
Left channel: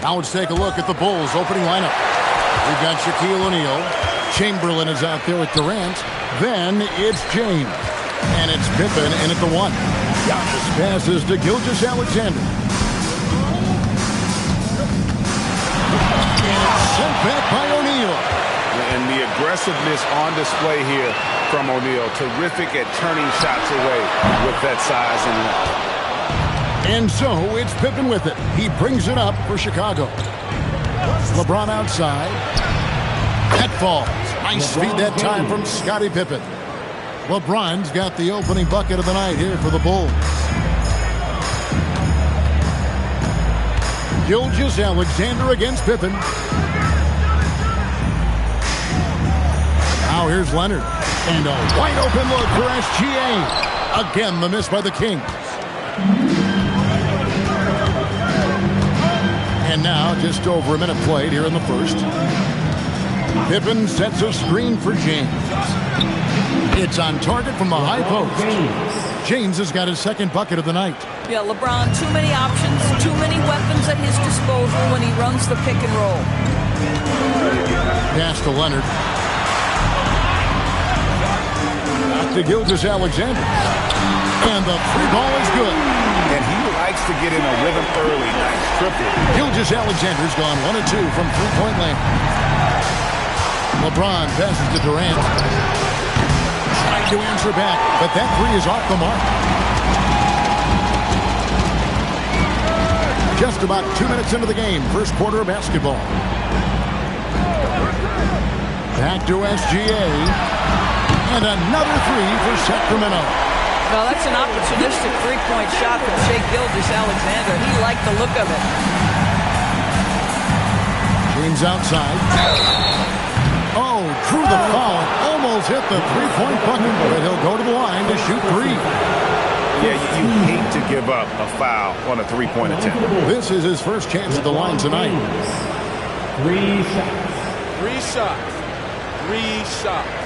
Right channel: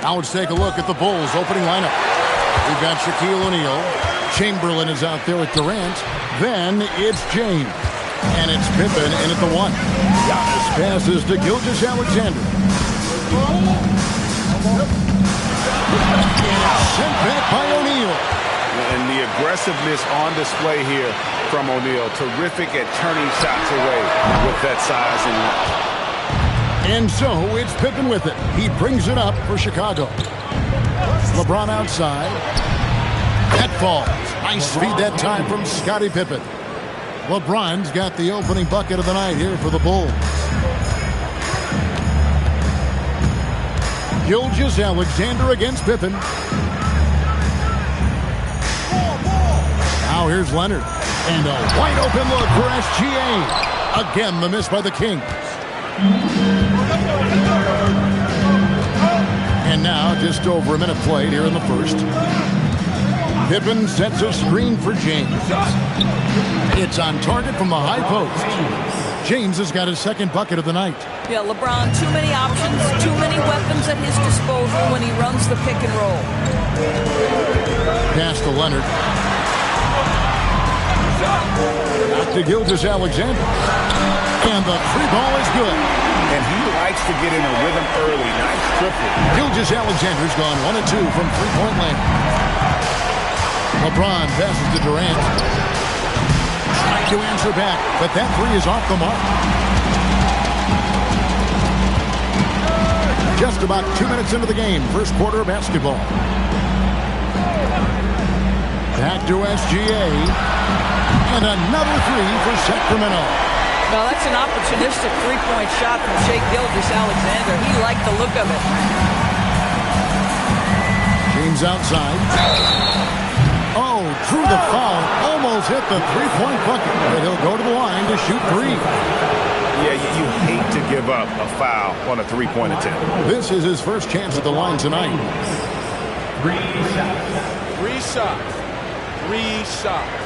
Now let's take a look at the Bulls opening lineup. We've got Shaquille O'Neal. Chamberlain is out there with Durant. Then it's James. And it's Pippen in at the 1. Giannis passes to Gilgeous-Alexander. And it's sent back by O'Neal. And the aggressiveness on display here from O'Neal. Terrific at turning shots away with that size and length. And so it's Pippen with it. He brings it up for Chicago. LeBron outside. That falls. Nice feed that time from Scottie Pippen. LeBron's got the opening bucket of the night here for the Bulls. Gilgeous-Alexander against Pippen. Now here's Leonard. And a wide open look for SGA. Again, the miss by the Kings. And now just over a minute played here in the first. Pippen sets a screen for James. It's on target from the high post. James has got his second bucket of the night. Yeah, LeBron, too many options, too many weapons at his disposal when he runs the pick and roll. Pass to Leonard. Back to Gilgeous-Alexander. And the three ball is good. And he likes to get in a rhythm early. Nice triple. Gilgeous-Alexander's gone 1 of 2 from three-point land. LeBron passes to Durant. Trying to answer back, but that three is off the mark. Just about 2 minutes into the game, first quarter of basketball. Back to SGA. And another three for Sacramento. Well, that's an opportunistic three-point shot from Shai Gilgeous-Alexander. He liked the look of it. James outside. Oh, drew the foul. Almost hit the three-point bucket. But he'll go to the line to shoot three. Yeah, you hate to give up a foul on a three-point attempt. This is his first chance at the line tonight. 3 shots. 3 shots. 3 shots.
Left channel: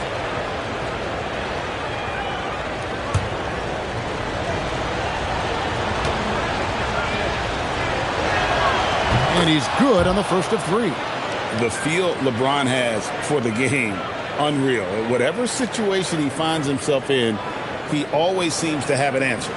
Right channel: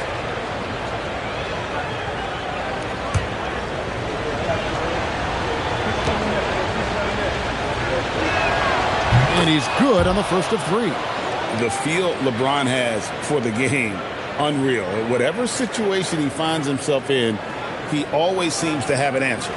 And he's good on the first of 3. The feel LeBron has for the game, unreal. Whatever situation he finds himself in, he always seems to have an answer.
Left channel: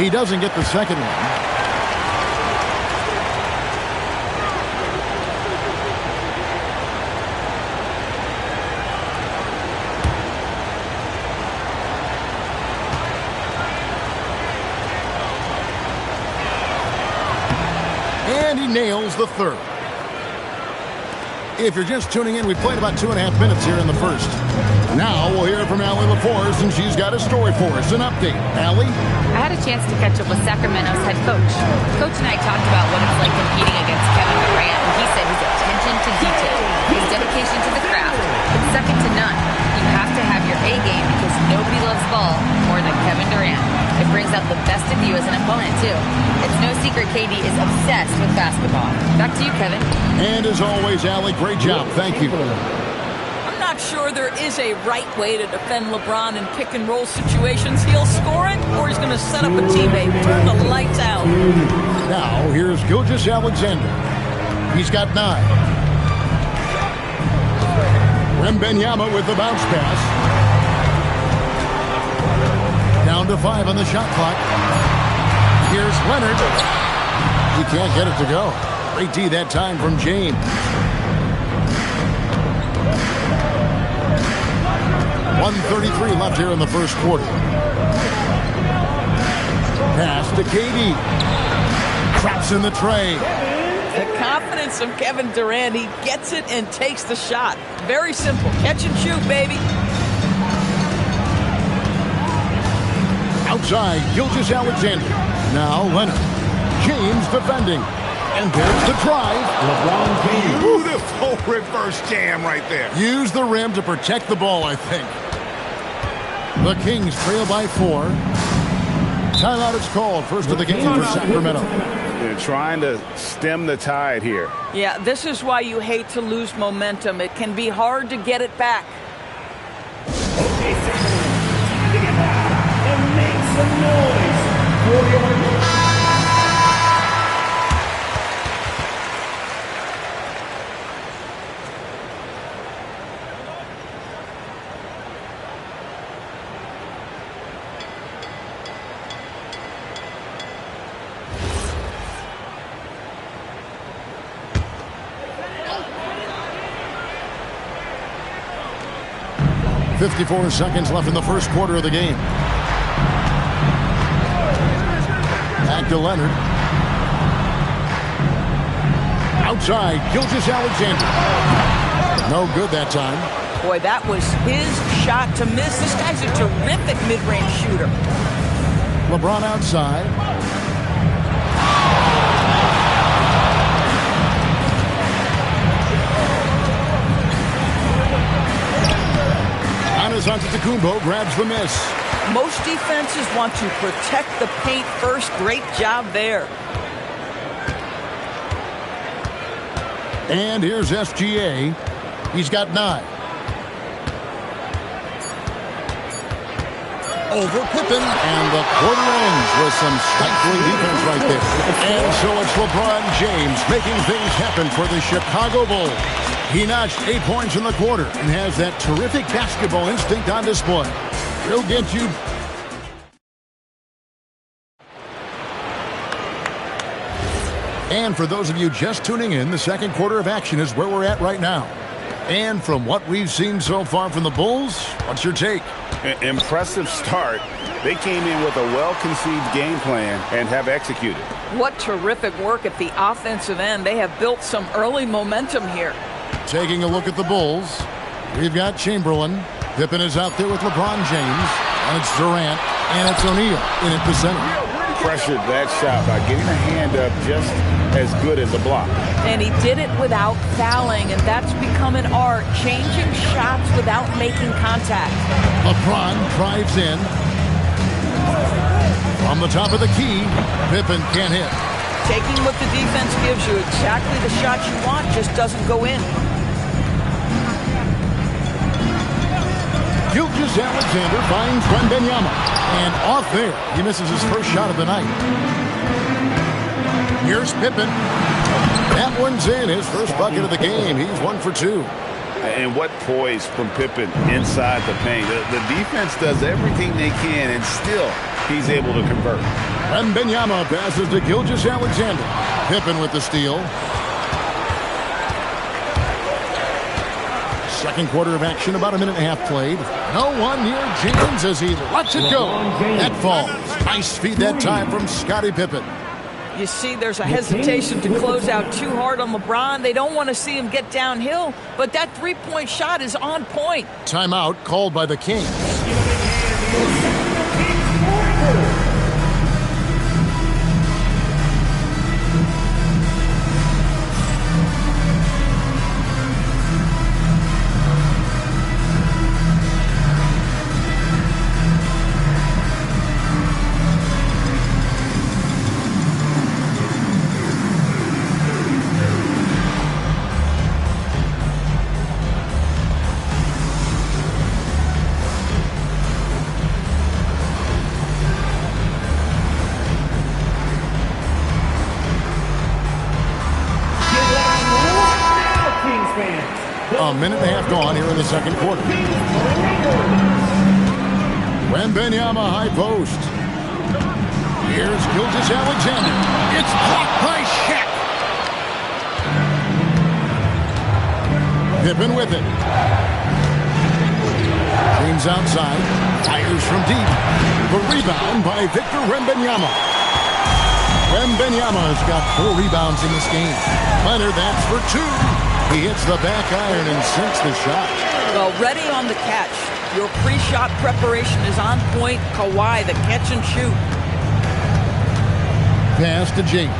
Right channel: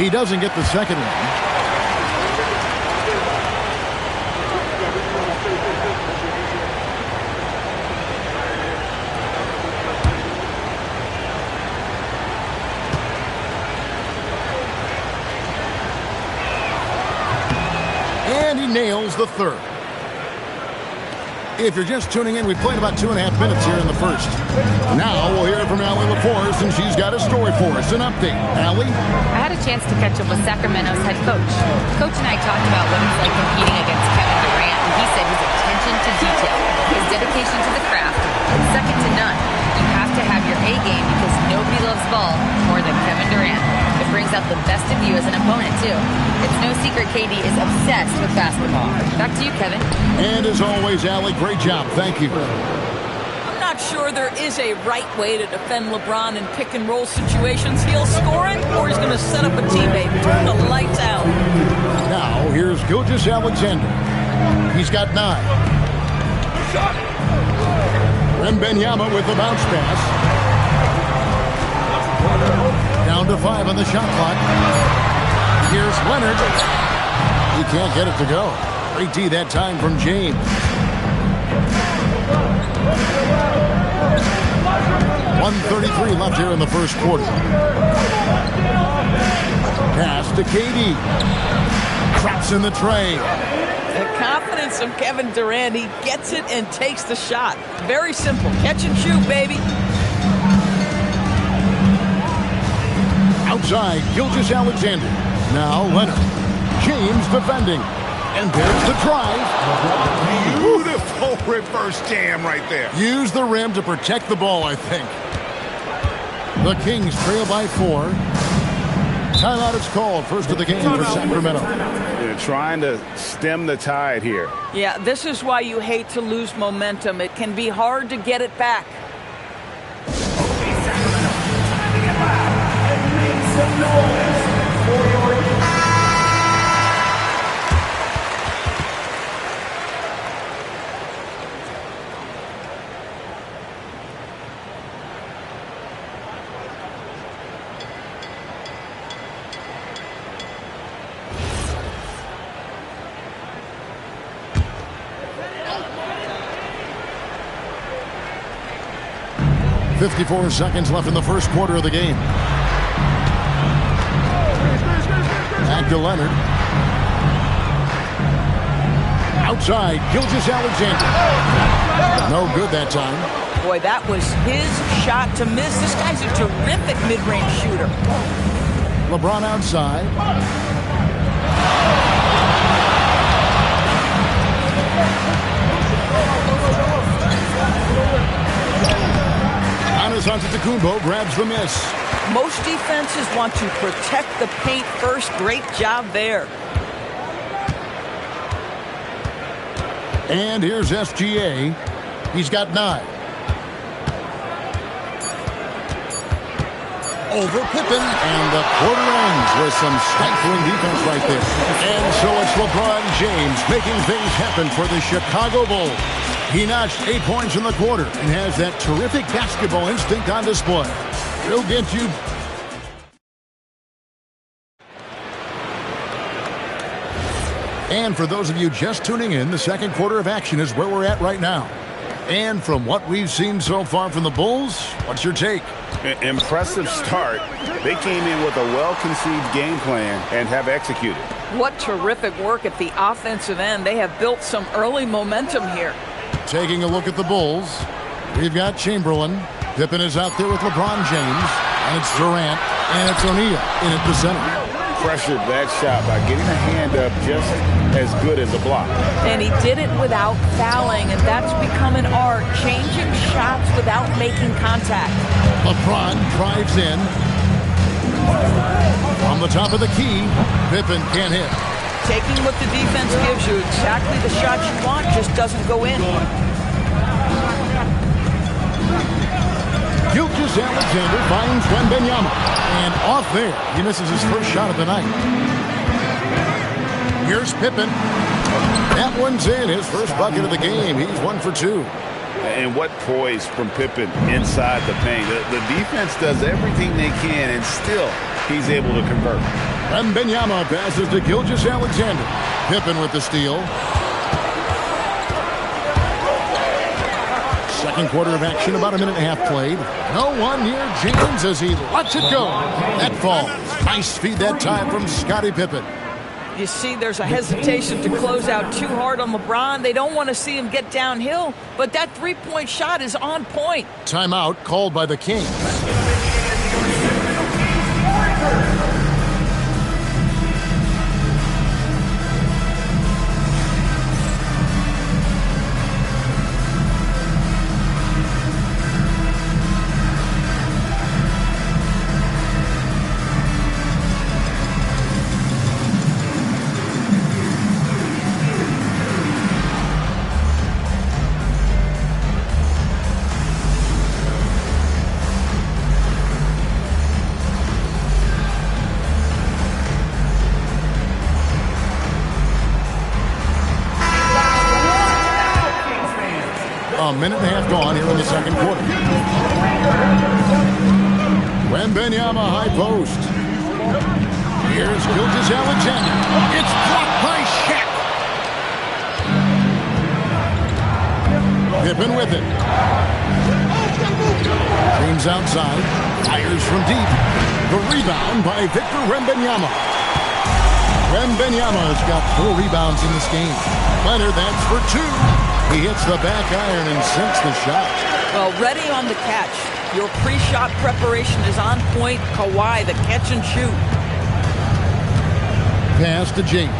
He doesn't get the second one. And he nails the third. If you're just tuning in, we played about 2.5 minutes here in the first. Now we'll hear from Allie LaForce, and she's got a story for us, an update. Allie? I had a chance to catch up with Sacramento's head coach. Coach and I talked about what it's like competing against Kevin Durant, and he said his attention to detail, his dedication to the craft, it's second to none. You have to have your A game because nobody loves ball more than Kevin Durant. It brings out the best of you as an opponent, too. It's no secret KD is obsessed with basketball. Back to you, Kevin. And as always, Allie, great job. Thank you. I'm not sure there is a right way to defend LeBron in pick and roll situations. He'll score it, or he's going to set up a teammate, turn the lights out. Now, here's Gilgeous-Alexander. He's got 9. Wembanyama with the bounce pass. Down to 5 on the shot clock. Here's Leonard. He can't get it to go. Great D that time from James. 1:33 left here in the first quarter. Pass to KD. Traps in the tray. The confidence of Kevin Durant. He gets it and takes the shot. Very simple. Catch and shoot, baby. Outside, Gilgeous-Alexander. Now Leonard. James defending. And there's the drive. Beautiful reverse jam right there. Use the rim to protect the ball, I think. The Kings trail by 4. Timeout is called. First of the game for Sacramento. They're trying to stem the tide here. Yeah, this is why you hate to lose momentum. It can be hard to get it back. Okay, Sacramento, time to get loud and make some noise for your... .54 seconds left in the first quarter of the game. Back to Leonard. Outside, Gilgeous-Alexander. No good that time. Boy, that was his shot to miss. This guy's a terrific mid-range shooter. LeBron outside. Giannis Antetokounmpo grabs the miss. Most defenses want to protect the paint first. Great job there. And here's SGA. He's got 9. Over Pippen, and the quarter ends with some stifling defense right there. And so it's LeBron James making things happen for the Chicago Bulls. He notched 8 points in the quarter and has that terrific basketball instinct on display. He'll get you. And for those of you just tuning in, the second quarter of action is where we're at right now. And from what we've seen so far from the Bulls, what's your take? Impressive start. They came in with a well-conceived game plan and have executed. What terrific work at the offensive end. They have built some early momentum here. Taking a look at the Bulls, we've got Chamberlain. Pippen is out there with LeBron James. And it's Durant. And it's O'Neal in at the center. Pressured that shot by getting a hand up just as good as a block. And he did it without fouling, and that's become an art, changing shots without making contact. LeBron drives in. From the top of the key, Pippen can't hit. Taking what the defense gives you, exactly the shot you want, just doesn't go in. Gilgeous-Alexander finds Wembanyama. And off there, he misses his first shot of the night. Here's Pippen. That one's in, his first bucket of the game. He's 1 for 2. And what poise from Pippen inside the paint. The defense does everything they can, and still he's able to convert. Wembanyama passes to Gilgeous-Alexander. Pippen with the steal. Second quarter of action, about a minute and a half played. No one near James as he lets it go. That falls. Nice feed that time from Scottie Pippen. You see there's a hesitation to close out too hard on LeBron. They don't want to see him get downhill, but that three-point shot is on point. Timeout called by the Kings. A minute and a half gone here in the second quarter. Wembanyama high post. Here's Gilgeous-Alexander. It's blocked by Shaq. Pippen with it. James outside. Fires from deep. The rebound by Victor Wembanyama. Wembanyama's got 4 rebounds in this game. Leonard, that's for 2. He hits the back iron and sinks the shot. Well, ready on the catch. Your pre-shot preparation is on point. Kawhi, the catch and shoot. Pass to James.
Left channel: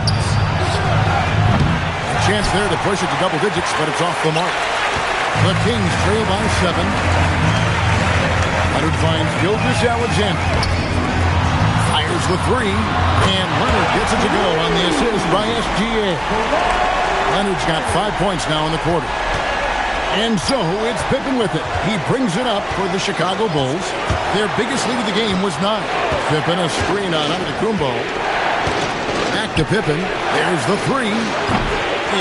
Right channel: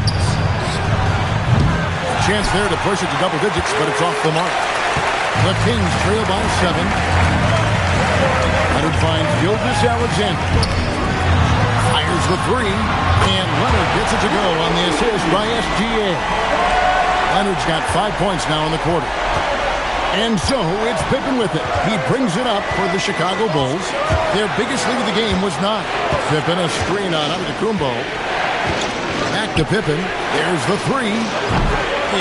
A chance there to push it to double digits, but it's off the mark. The Kings trail by 7. Leonard finds Gilgeous-Alexander. Fires the three, and Leonard gets it to go on the assist by SGA. Leonard's got 5 points now in the quarter. And so it's Pippen with it. He brings it up for the Chicago Bulls. Their biggest lead of the game was 9. Pippen, a screen on Antetokounmpo. Back to Pippen. There's the three.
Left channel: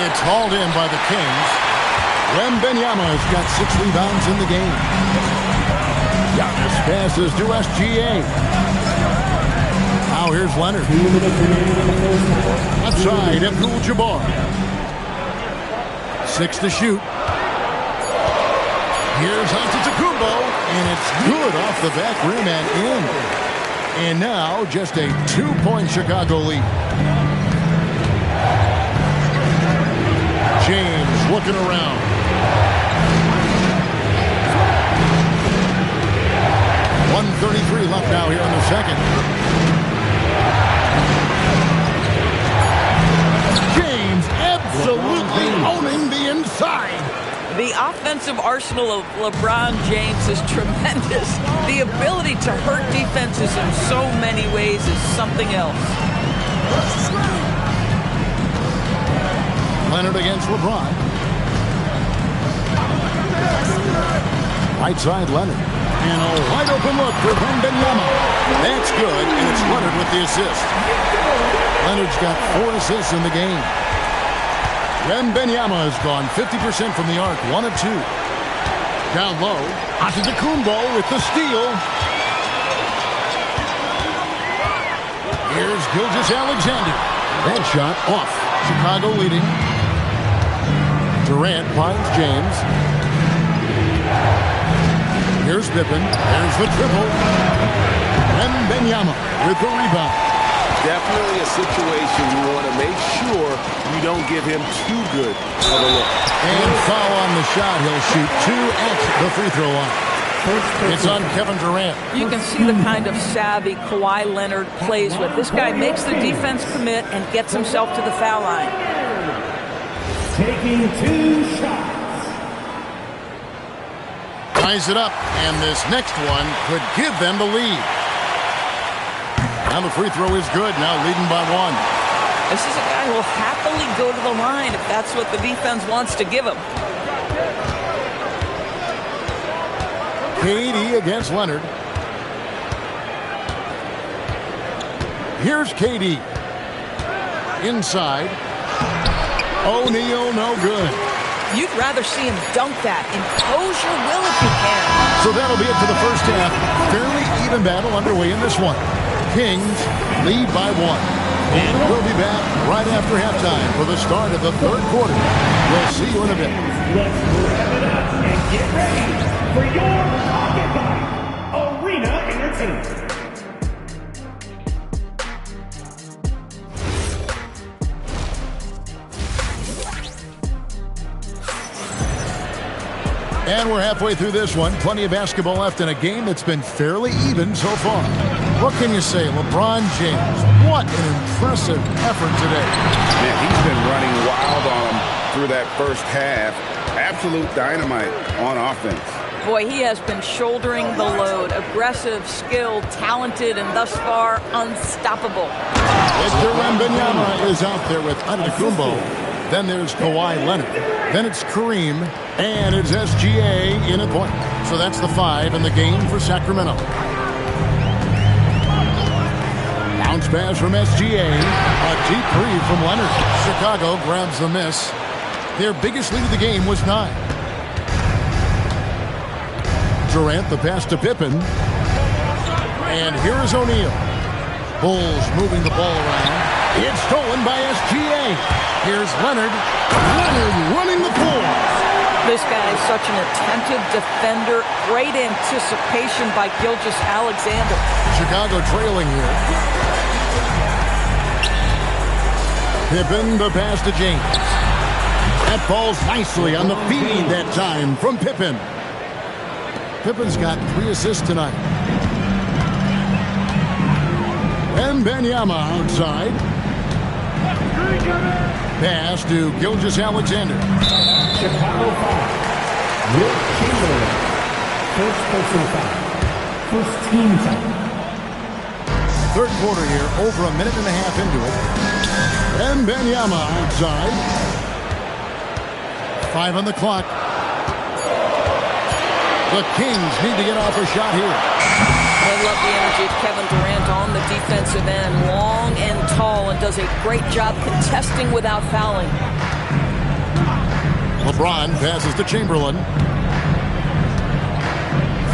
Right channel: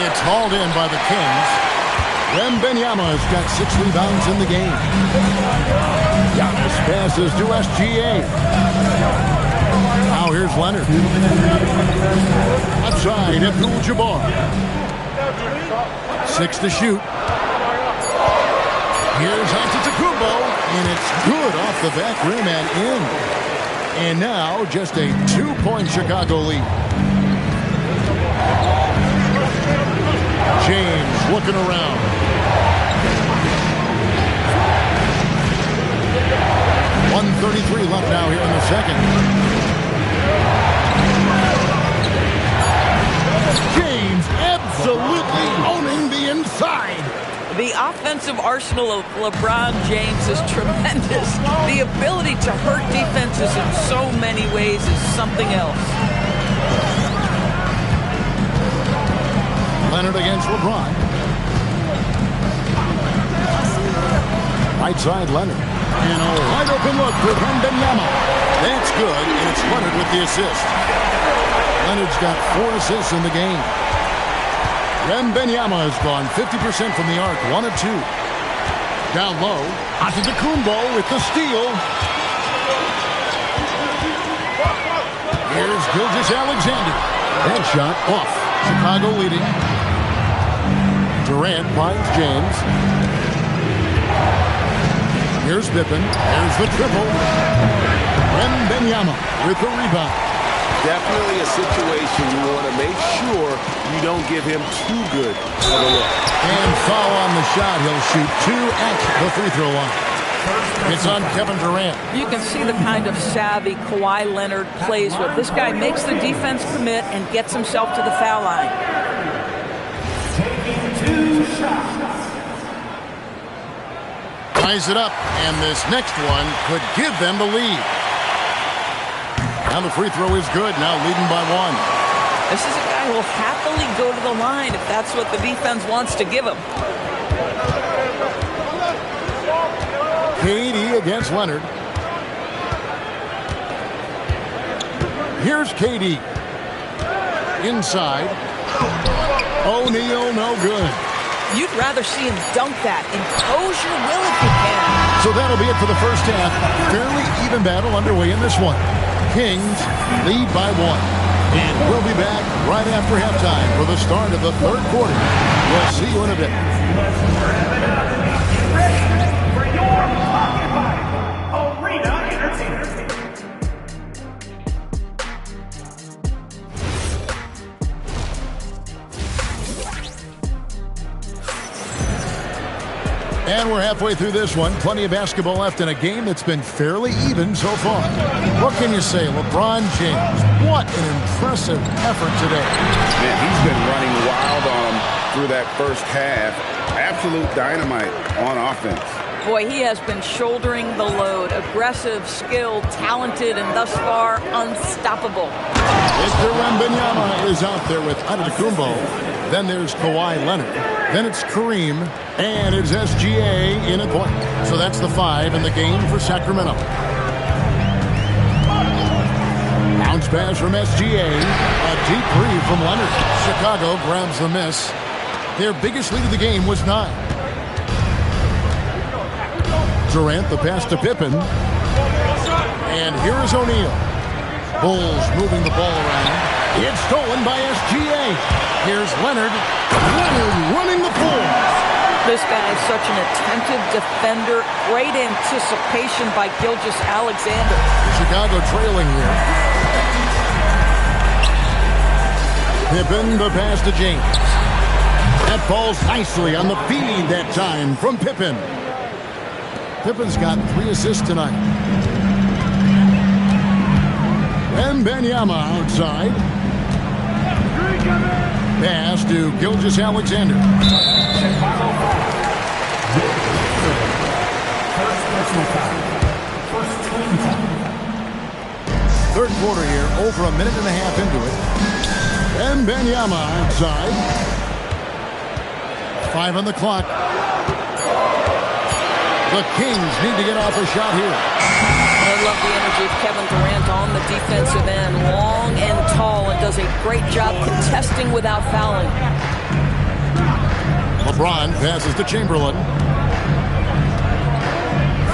It's hauled in by the Kings. Wembanyama has got 6 rebounds in the game. Giannis passes to SGA. Now here's Leonard. Outside, Abdul-Jabbar. 6 to shoot. Here's Antetokounmpo, and it's good off the back rim and in. And now just a 2-point Chicago lead. James looking around. .133 left now here in the second. James absolutely owning the inside. The offensive arsenal of LeBron James is tremendous. The ability to hurt defenses in so many ways is something else. Leonard against LeBron. Right side Leonard. And a wide open look for Wembanyama. That's good, and it's Leonard with the assist. Leonard's got 4 assists in the game. Wembanyama has gone 50% from the arc, 1 of 2. Down low, Antetokounmpo with the steal. Here's Gilgeous-Alexander. That shot off. Chicago leading. Durant finds James. Here's Pippen. There's the triple. Wembanyama with the rebound. Definitely a situation you want to make sure you don't give him too good of a look. And foul on the shot. He'll shoot 2 at the free throw line. It's on Kevin Durant. You can see the kind of savvy Kawhi Leonard plays with. This guy makes the defense commit and gets himself to the foul line. Taking 2 shots. Ties it up, and this next one could give them the lead. Now the free throw is good, now leading by 1. This is a guy who will happily go to the line if that's what the defense wants to give him. KD against Leonard. Here's KD. Inside. O'Neal, no good. You'd rather see him dunk that. Impose your will if you can. So that'll be it for the first half. Fairly even battle underway in this one. Kings lead by 1. And we'll be back right after halftime for the start of the third quarter. We'll see you in a bit. Let's rev it up and get ready for your Pocket Fight Arena Entertainment. And we're halfway through this one. Plenty of basketball left in a game that's been fairly even so far. What can you say? LeBron James, what an impressive effort today. Man, he's been running wild on him through that first half. Absolute dynamite on offense. Boy, he has been shouldering the load. Aggressive, skilled, talented, and thus far unstoppable. Victor Wembanyama is out there with Antetokounmpo. Then there's Kawhi Leonard. Then it's Kareem. And it's SGA in at point. So that's the 5 in the game for Sacramento. Bounce pass from SGA. A deep three from Leonard. Chicago grabs the miss. Their biggest lead of the game was 9. Durant the pass to Pippen. And here is O'Neal. Bulls moving the ball around. It's stolen by SGA. Here's Leonard. Leonard running the floor. This guy is such an attentive defender. Great anticipation by Gilgeous-Alexander. Chicago trailing here. Pippen the pass to James. That falls nicely on the feed that time from Pippen. Pippen's got 3 assists tonight. Wembanyama outside. Pass to Gilgeous-Alexander. Chicago foul. Wilt Chamberlain. First personal foul. First team foul. Third quarter here, over a minute and a half into it. And Wembanyama outside. 5 on the clock. The Kings need to get off a shot here. I love the energy of Kevin Durant on the defensive end. Long and tall, and does a great job contesting without fouling. LeBron passes to Chamberlain.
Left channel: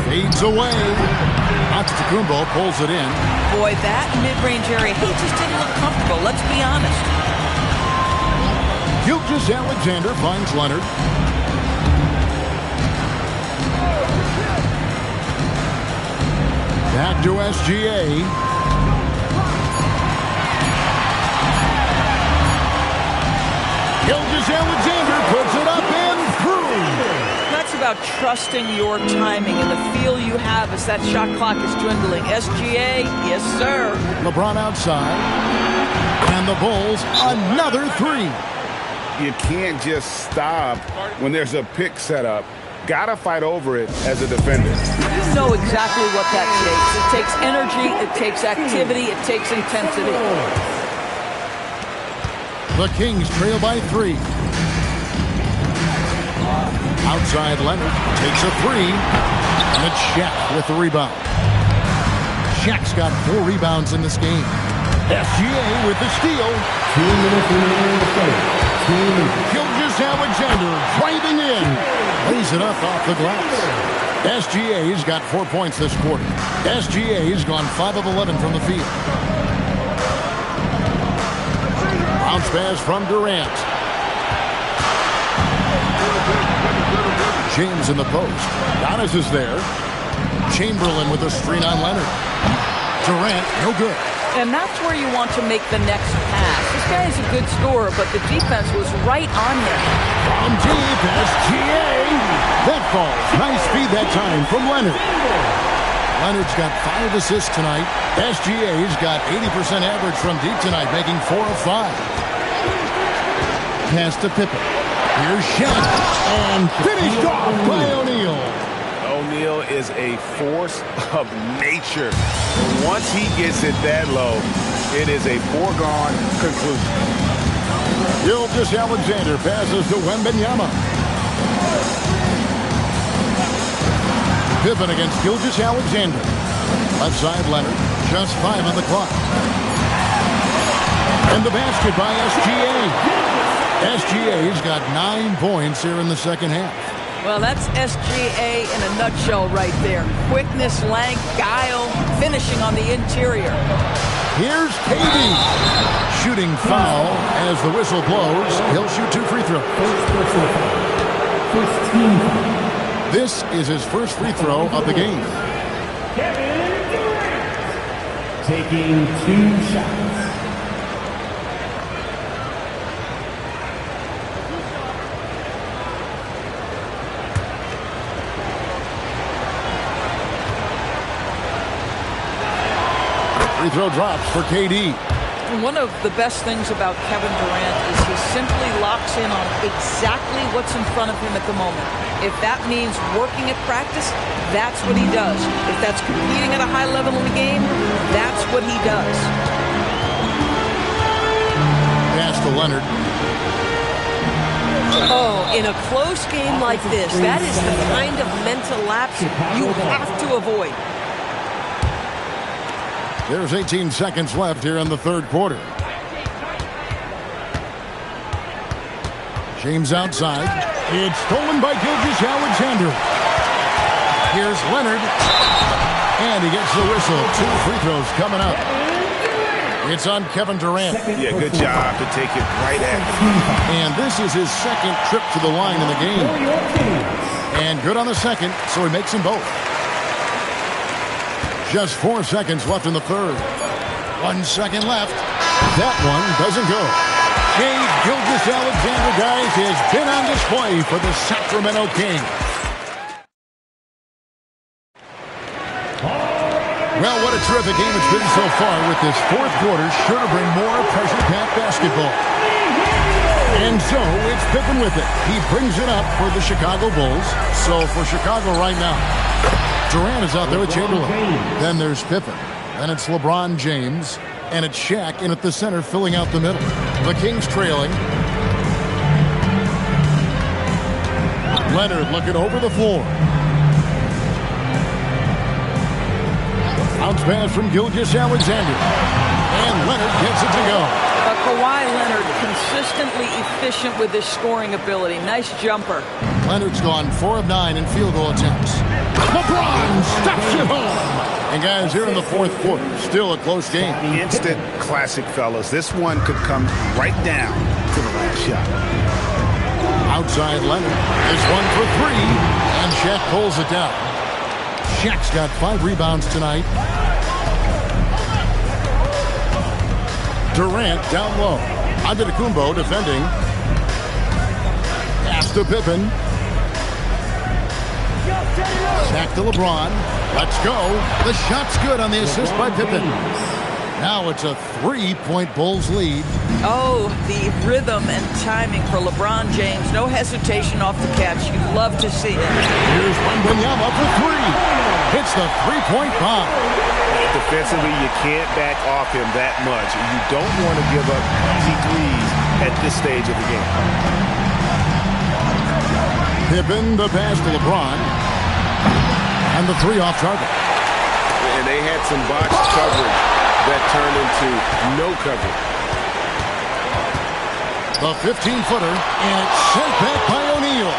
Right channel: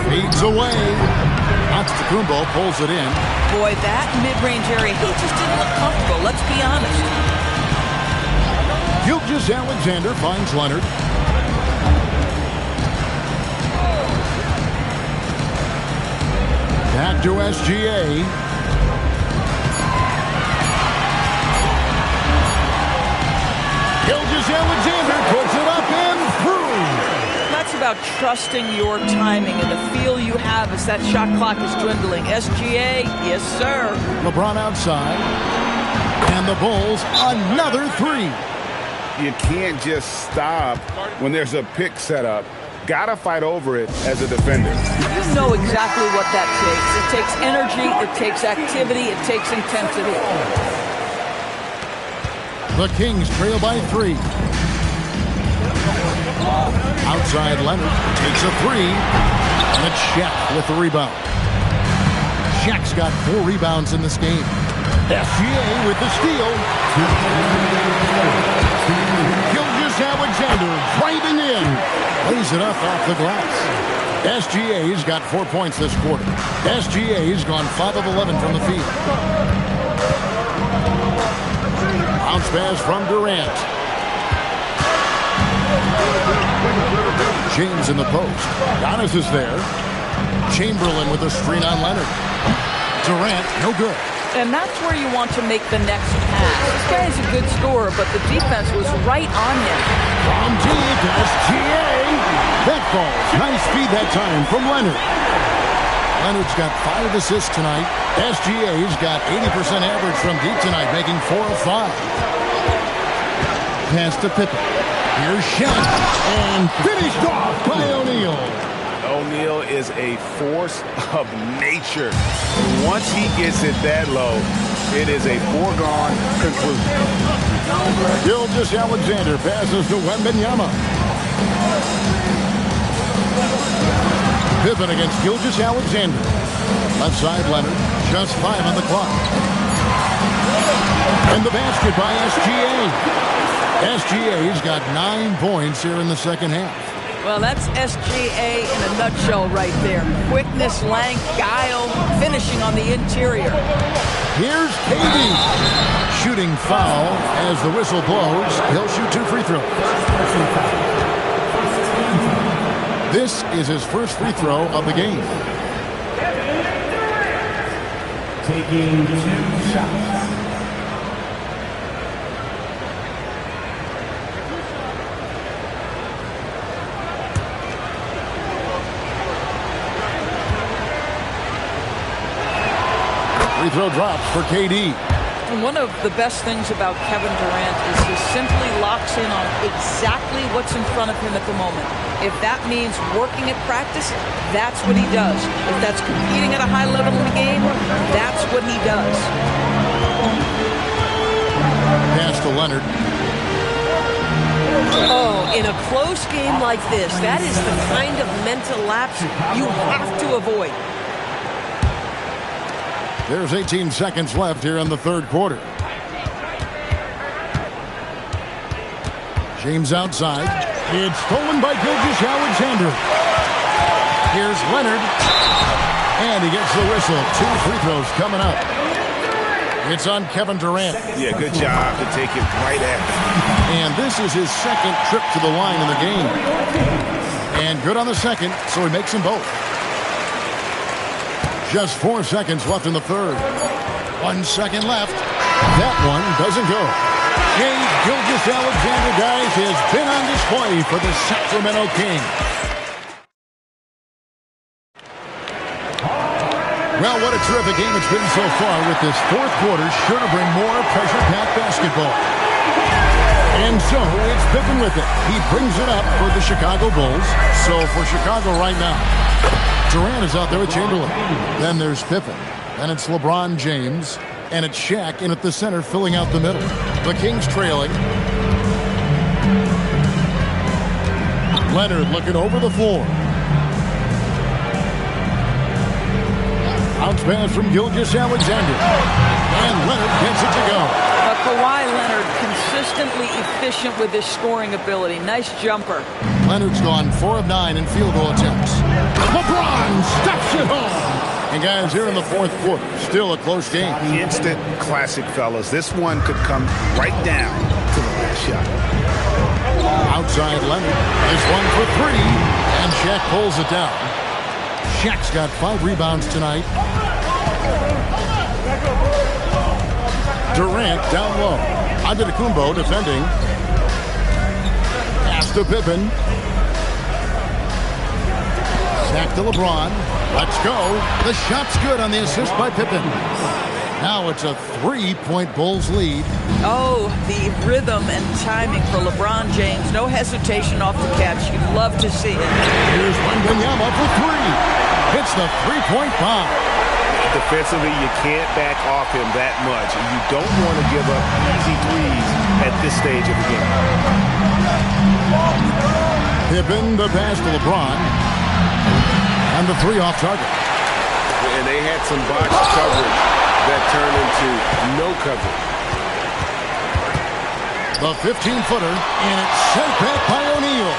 Fades away. Antetokounmpo pulls it in. Boy, that mid-range area, he just didn't look comfortable. Let's be honest. Gilgeous-Alexander finds Leonard. Back to SGA. Gilgeous-Alexander puts it up and through. That's about trusting your timing and the feel you have as that shot clock is dwindling. SGA, yes, sir. LeBron outside. And the Bulls, another 3. You can't just stop when there's a pick set up. Gotta fight over it as a defender. You know exactly what that takes. It takes energy, it takes activity, it takes intensity. The Kings trail by 3. Outside Leonard takes a 3. And it's Shaq with the rebound. Shaq's got 4 rebounds in this game. SGA with the steal. 2 minutes remaining. Gilgeous-Alexander driving in. Lays it up off the glass. SGA's got 4 points this quarter. SGA's gone 5 of 11 from the field. Bounce pass from Durant. James in the post. Giannis is there. Chamberlain with a screen on Leonard. Durant, no good. And that's where you want to make the next pass. This guy is a good scorer, but the defense was right on him. From deep, SGA. That falls. Nice feed that time from Leonard. Leonard's got 5 assists tonight. SGA's got 80% average from deep tonight, making 4 of 5. Pass to Pippen. Here's Shaq. And finished off by O'Neal. O'Neal is a force of nature. Once he gets it that low, it is a foregone conclusion. Gilgeous-Alexander passes to Wembanyama. Pippen against Gilgeous-Alexander. Left side Leonard. Just 5 on the clock. And the basket by SGA. SGA's got 9 points here in the second half. Well, that's SGA in a nutshell right there. Quickness, length, guile, finishing on the interior. Here's KD. Shooting foul as the whistle blows. He'll shoot 2 free throws. This is his first free throw of the game. Taking 2 shots. Free throw drops for KD. And one of the best things about Kevin Durant is he simply locks in on exactly what's in front of him at the moment. If that means working at practice, that's what he does. If that's competing at a high level in the game, that's what he does. Pass to Leonard. Oh, in a close game like this, that is the kind of mental lapse you have to avoid. There's 18 seconds left here in the third quarter. James outside. It's stolen by Gilgeous-Alexander. Here's Leonard. And he gets the whistle. 2 free throws coming up. It's on Kevin Durant. Yeah, good job to take it right at him. And this is his second trip to the line in the game. And good on the second, so he makes them both. Just 4 seconds left in the third. 1 second left. That one doesn't go. Shai Gilgeous-Alexander, guys, has been on display for the Sacramento Kings. Well, what a terrific game it's been so far, with this fourth quarter sure to bring more pressure-packed basketball. And so it's Pippen with it. He brings it up for the Chicago Bulls. So for Chicago right now, Durant is out there with Chamberlain. Then there's Pippen. Then it's LeBron James. And it's Shaq in at the center, filling out the middle. The Kings trailing. Leonard looking over the floor. Bounce pass from Gilgeous-Alexander. And Leonard gets it to go. Kawhi Leonard consistently efficient with his scoring ability. Nice jumper. Leonard's gone 4 of 9 in field goal attempts. LeBron stuffs it home. And guys, here in the fourth quarter, still a close game. Instant classic, fellas. This one could come right down to the last shot. Outside Leonard. This one for 3. And Shaq pulls it down. Shaq's got 5 rebounds tonight. Durant down low. Antetokounmpo defending. Pass to Pippen. Back to LeBron. Let's go. The shot's good on the assist by Pippen. Now it's a 3-point Bulls lead. Oh, the rhythm and timing for LeBron James. No hesitation off the catch. You'd love to see it. Here's Wembanyama for 3. Hits the 3-point bomb. Defensively, you can't back off him that much. You don't want to give up easy threes at this stage of the game. Pippen, the pass to LeBron. And the 3 off target. And they had some box coverage that turned into no coverage. The 15-footer, and it's sent back by O'Neal.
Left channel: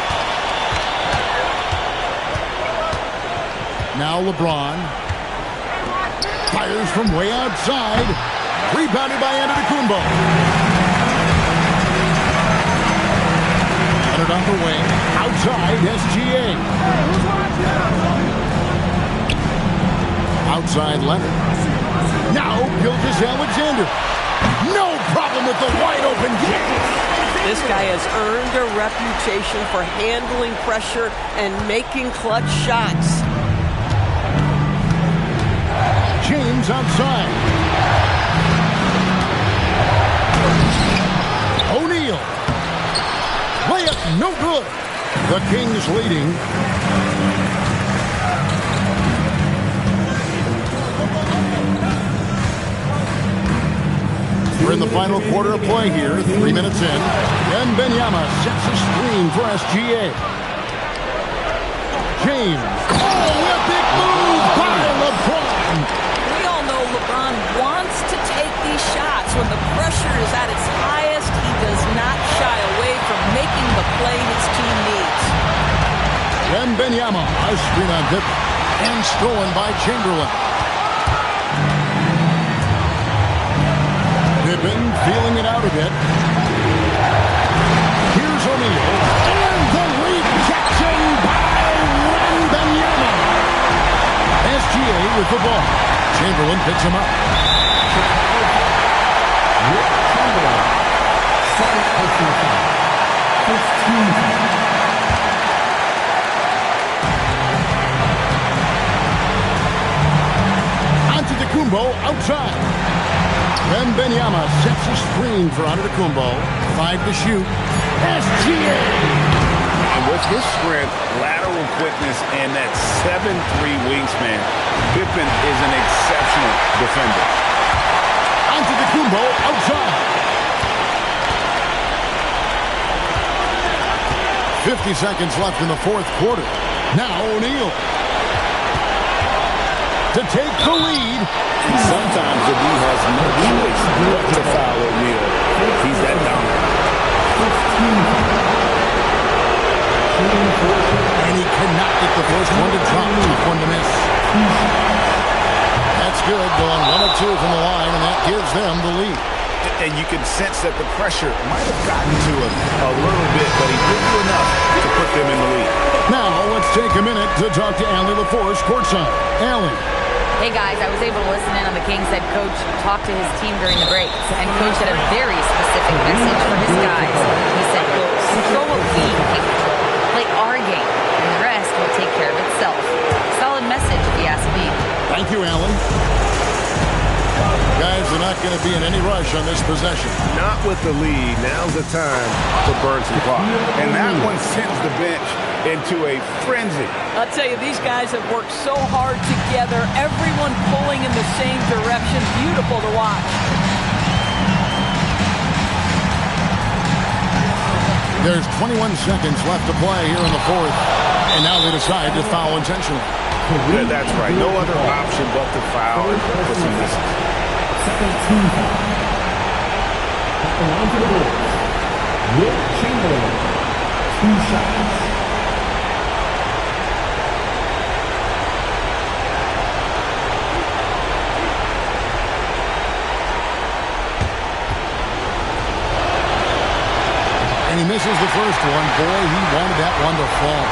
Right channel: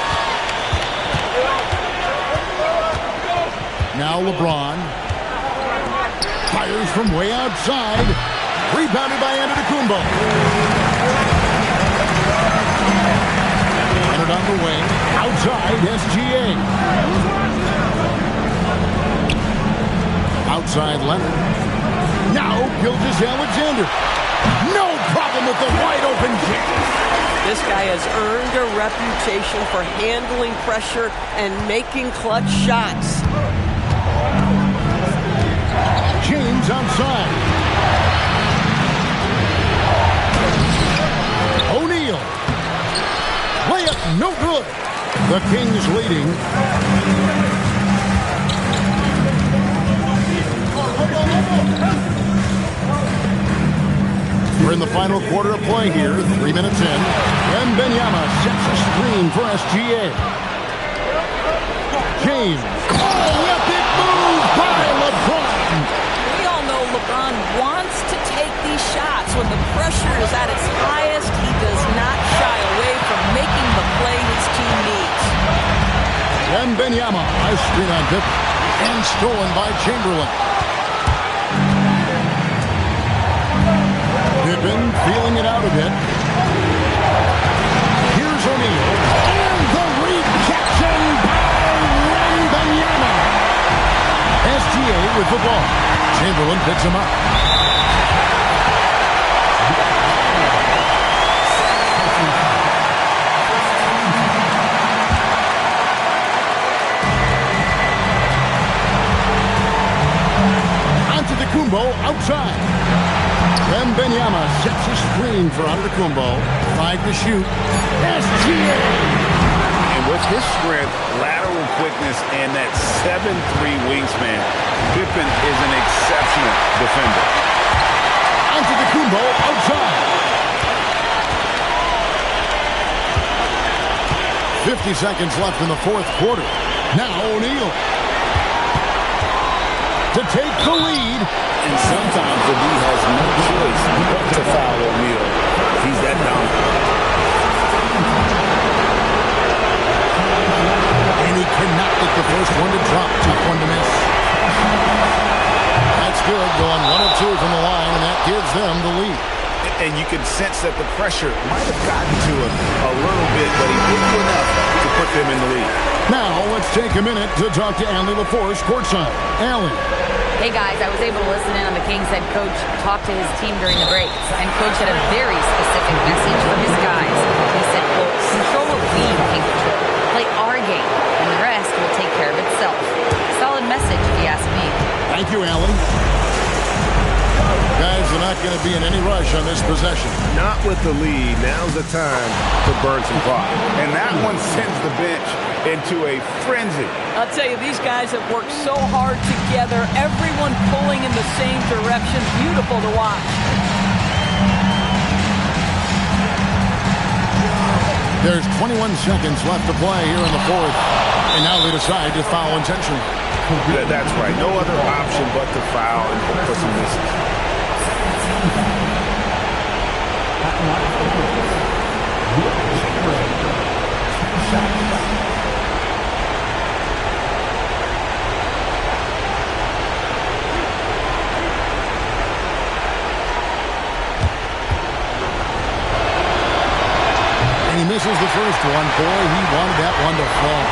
Now LeBron fires from way outside. Rebounded by Antetokounmpo. Leonard on the wing. Outside SGA. Outside Leonard. Now Gilgeous-Alexander. No problem with the wide open James. This guy has earned a reputation for handling pressure and making clutch shots. James outside. O'Neal. Layup no good. The Kings leading. We're in the final quarter of play here, 3 minutes in. Wembanyama sets a screen for SGA. James. Oh, a big move by LeBron. We all know LeBron wants to take these shots. When the pressure is at its highest, he does not shy away from making the play his team needs. Wembanyama, a screen on Pippen. And stolen by Chamberlain. Pippen feeling it out a bit. Here's O'Neal. And the rejection by Wembanyama. SGA with the ball. Chamberlain picks him up. Antetokounmpo outside. Wembanyama sets a screen for Antetokounmpo. 5 to shoot. SGA. And with his strength, lateral quickness, and that 7'3" wingspan, Pippen is an exceptional defender. Antetokounmpo outside. 50 seconds left in the fourth quarter. Now O'Neal to take the lead. And sometimes the D has no choice but to foul O'Neal. He's that dominant. And he cannot get the first one to drop. Tough one to miss. That's good. Going 1 of 2 from the line, and that gives them the lead. And you can sense that the pressure might have gotten to him a little bit, but he did do enough to put them in the lead. Now let's take a minute to talk to Allie LaForce courtside. Allie. Hey guys, I was able to listen in on the Kings head coach talk to his team during the breaks, and coach had a very specific message for his guys. He said, quote, control what we can control. Play our game, and the rest will take care of itself. Solid message, if you ask me. Thank you, Allie. Guys are not going to be in any rush on this possession. Not with the lead. Now's the time to burn some clock. And that one sends the bench into a frenzy. I'll tell you, these guys have worked so hard together. Everyone pulling in the same direction. Beautiful to watch. There's 21 seconds left to play here in the fourth. And now they decide to foul intentionally. That's right. No other option but to foul and put some misses. At the line for the Bulls, Wilt Chamberlain, 2 shots. And he misses the first one. Boy, he wanted that one to fall.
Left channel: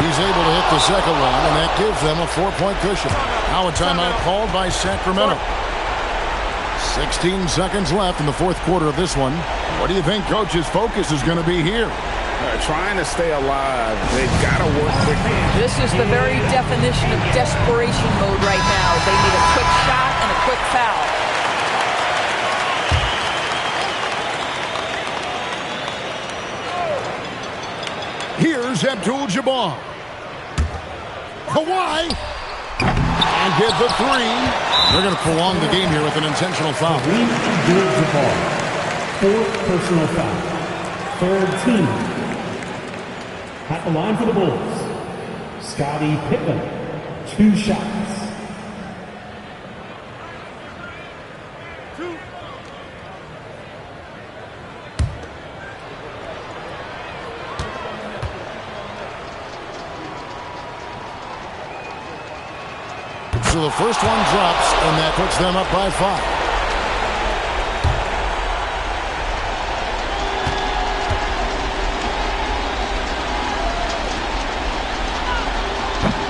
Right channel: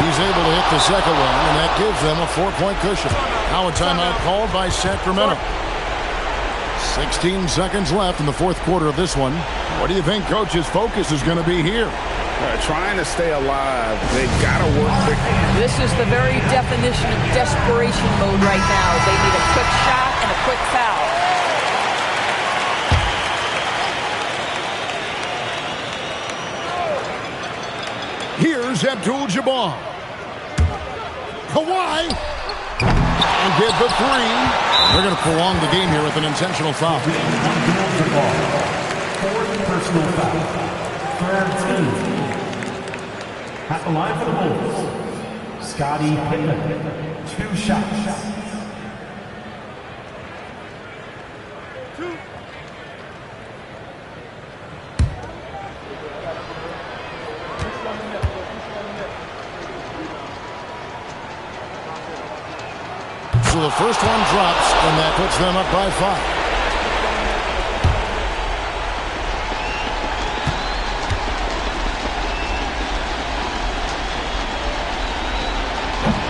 He's able to hit the second one, and that gives them a 4-point cushion. Now a timeout called by Sacramento. 16 seconds left in the fourth quarter of this one. What do you think Coach's focus is going to be here? Trying to stay alive. They've got to work quickly. This is the very definition of desperation mode right now. They need a quick shot and a quick foul. Here's Abdul-Jabbar. Kawhi. And get the three. They're going to prolong the game here with an intentional foul. Abdul-Jabbar, 4th personal foul. 3rd team. At the line for the Bulls, Scottie Pippen, 2 shots. So the first one drops, and that puts them up by 5.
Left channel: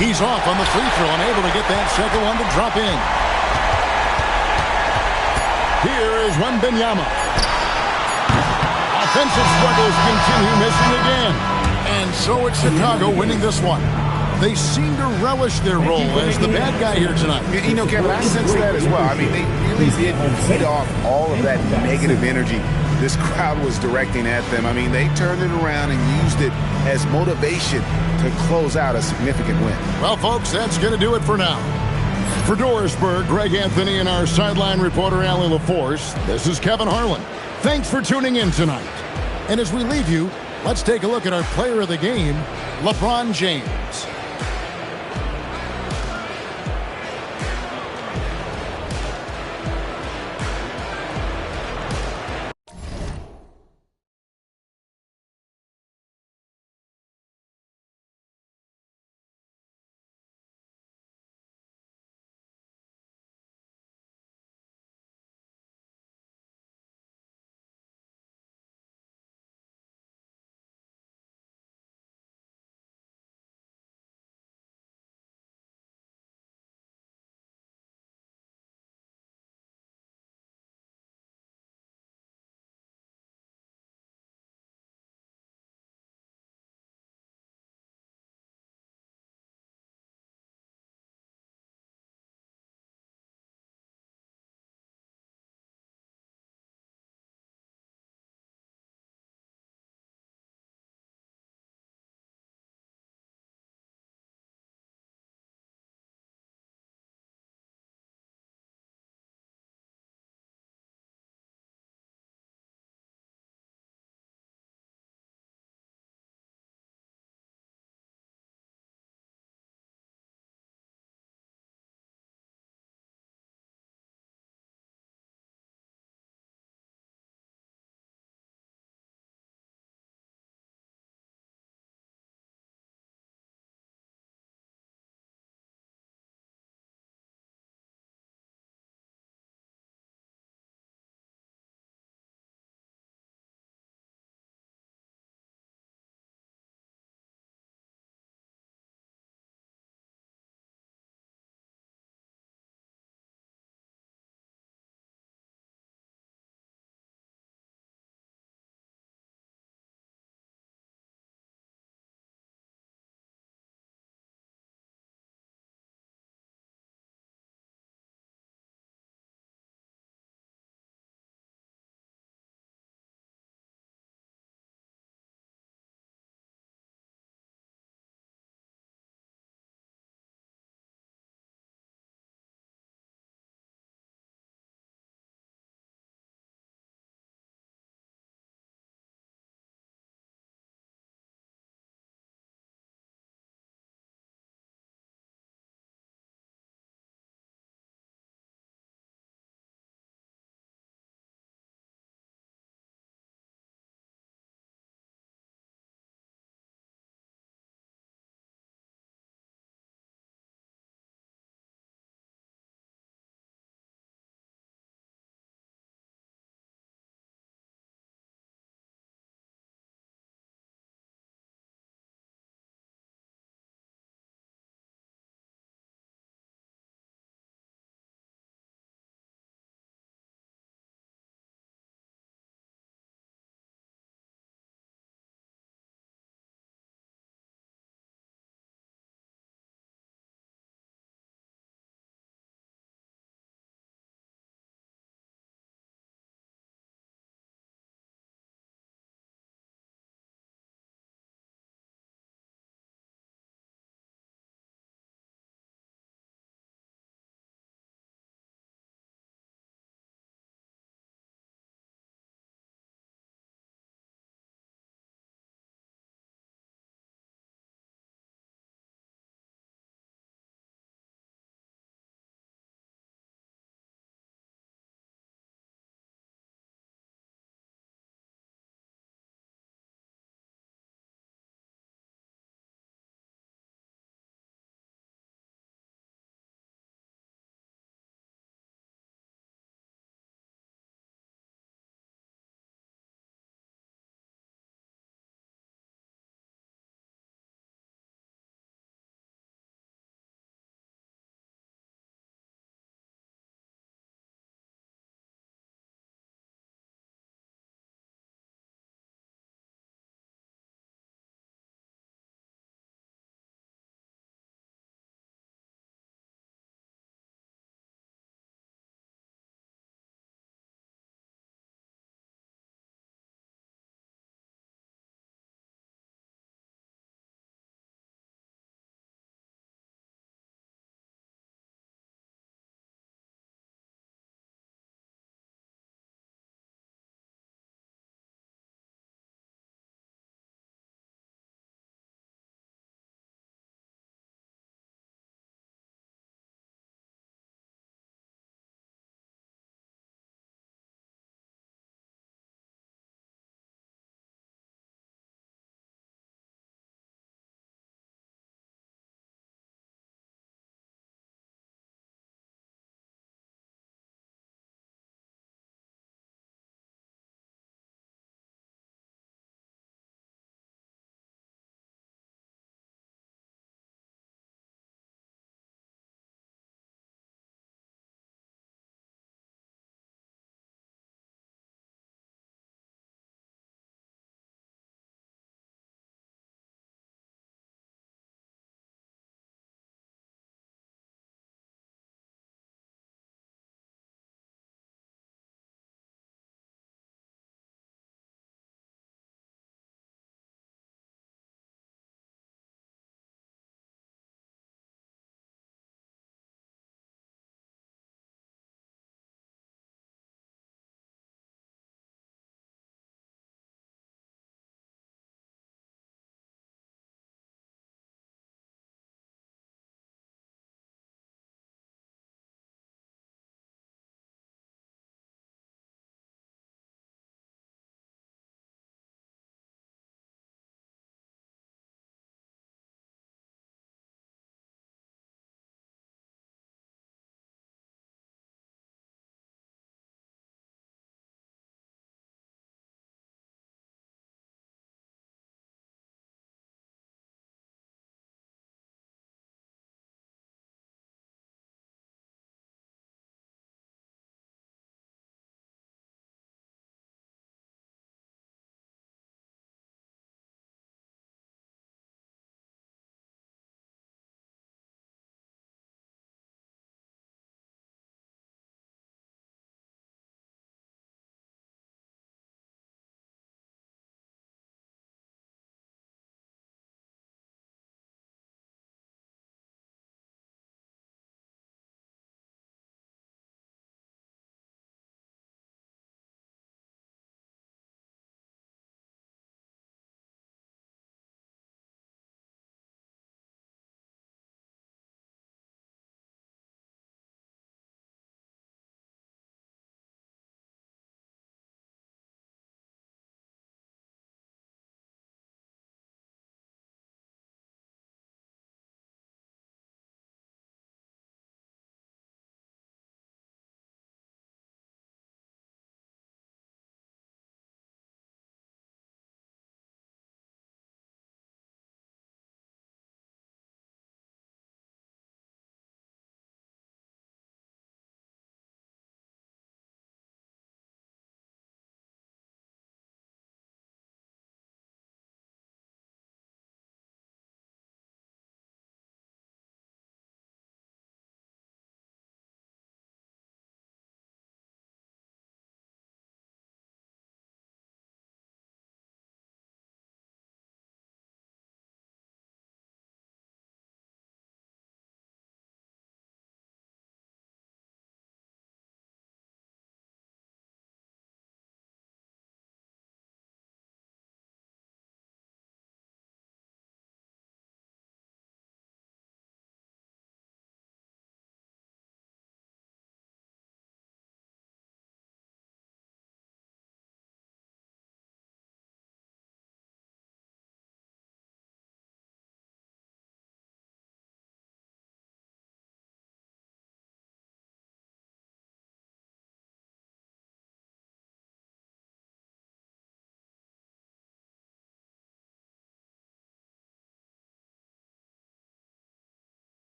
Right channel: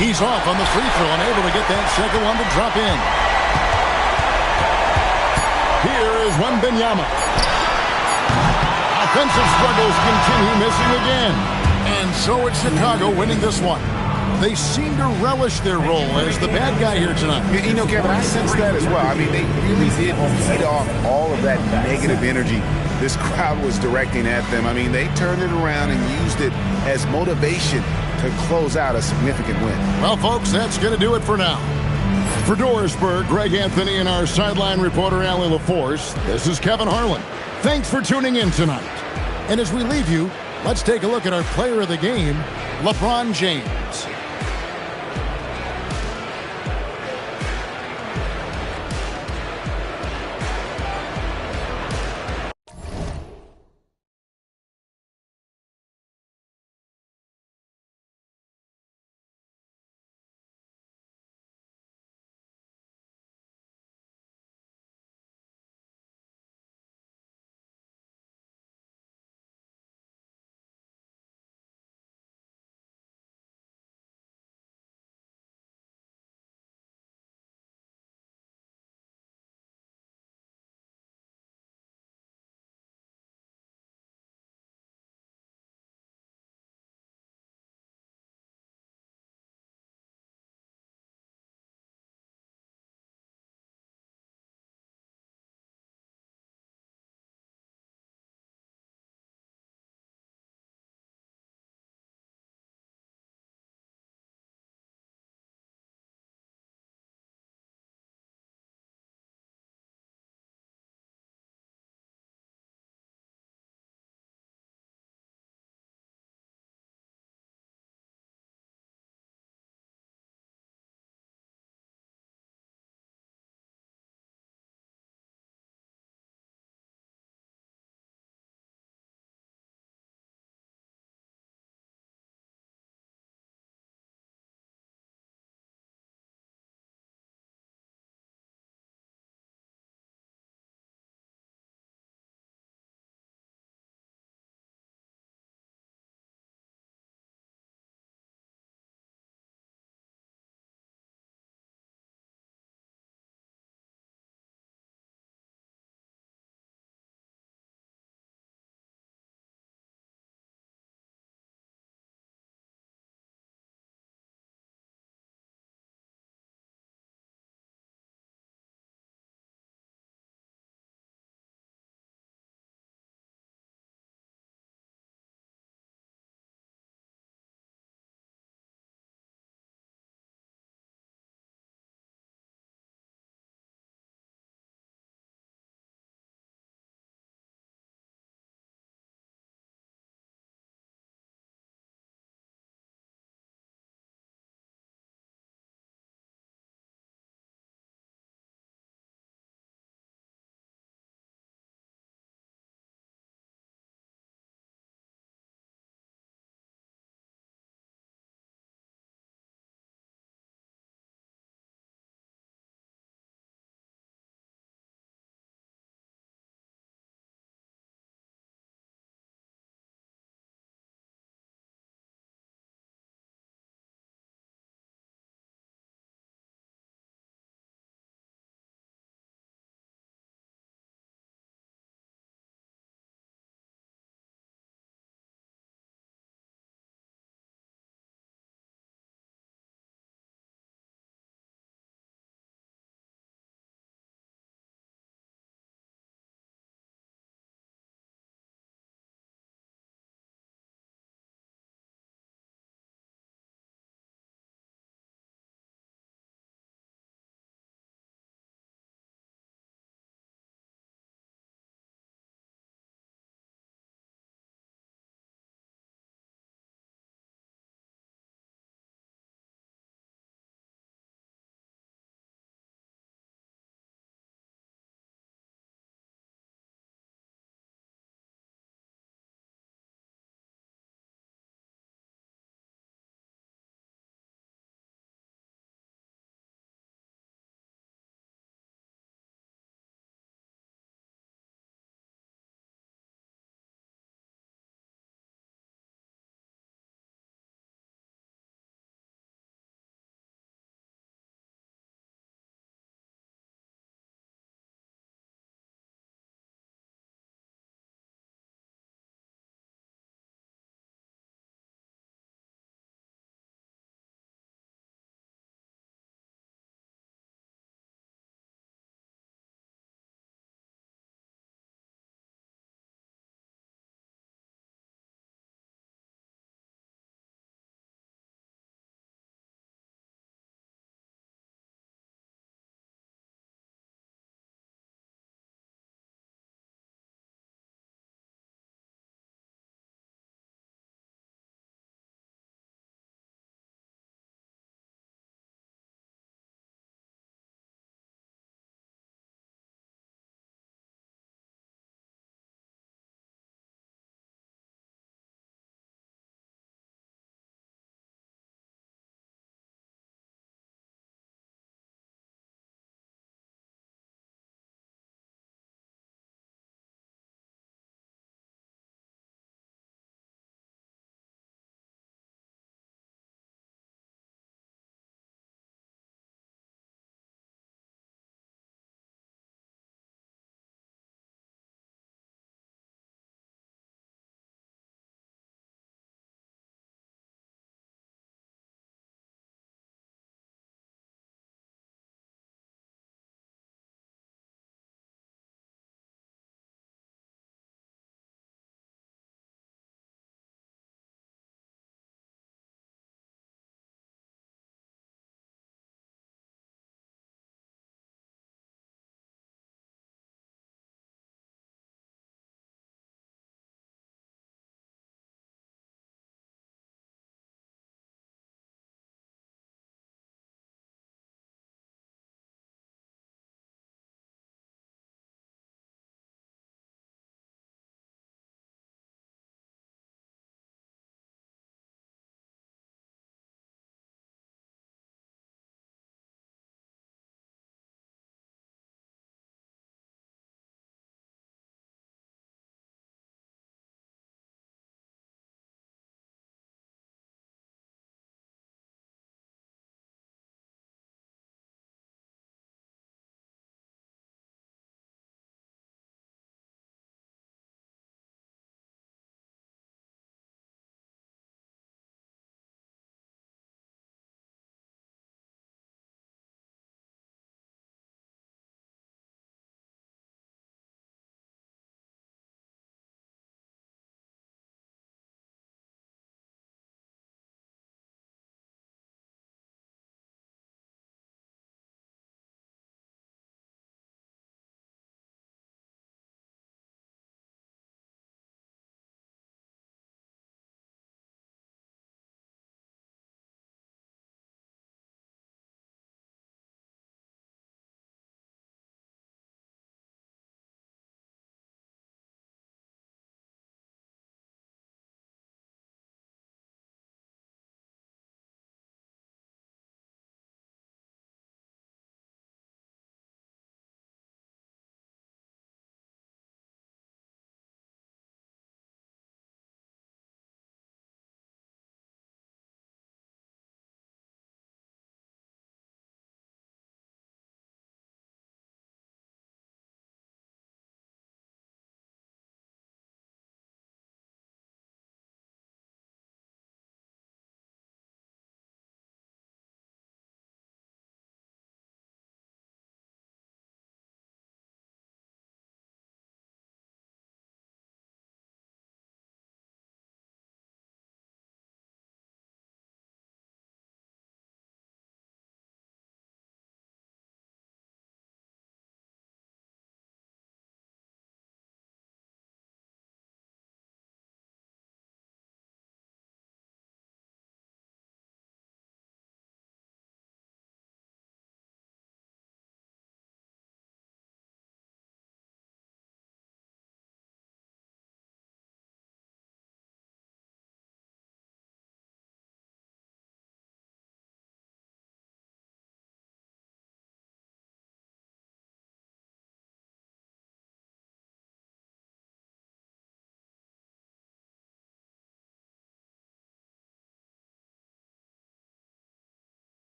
He's off on the free throw and able to get that second one to drop in. Here is Wembanyama. Offensive struggles continue, missing again. And so it's Chicago winning this one. They seem to relish their role as the bad guy here tonight. You know, Kevin, I sense that as well. I mean, they really did feed off all of that negative energy this crowd was directing at them. I mean, they turned it around and used it as motivation to close out a significant win. Well, folks, that's going to do it for now. For Dorisburg, Greg Anthony and our sideline reporter, Allie LaForce, this is Kevin Harlan. Thanks for tuning in tonight. And as we leave you, let's take a look at our player of the game, LeBron James.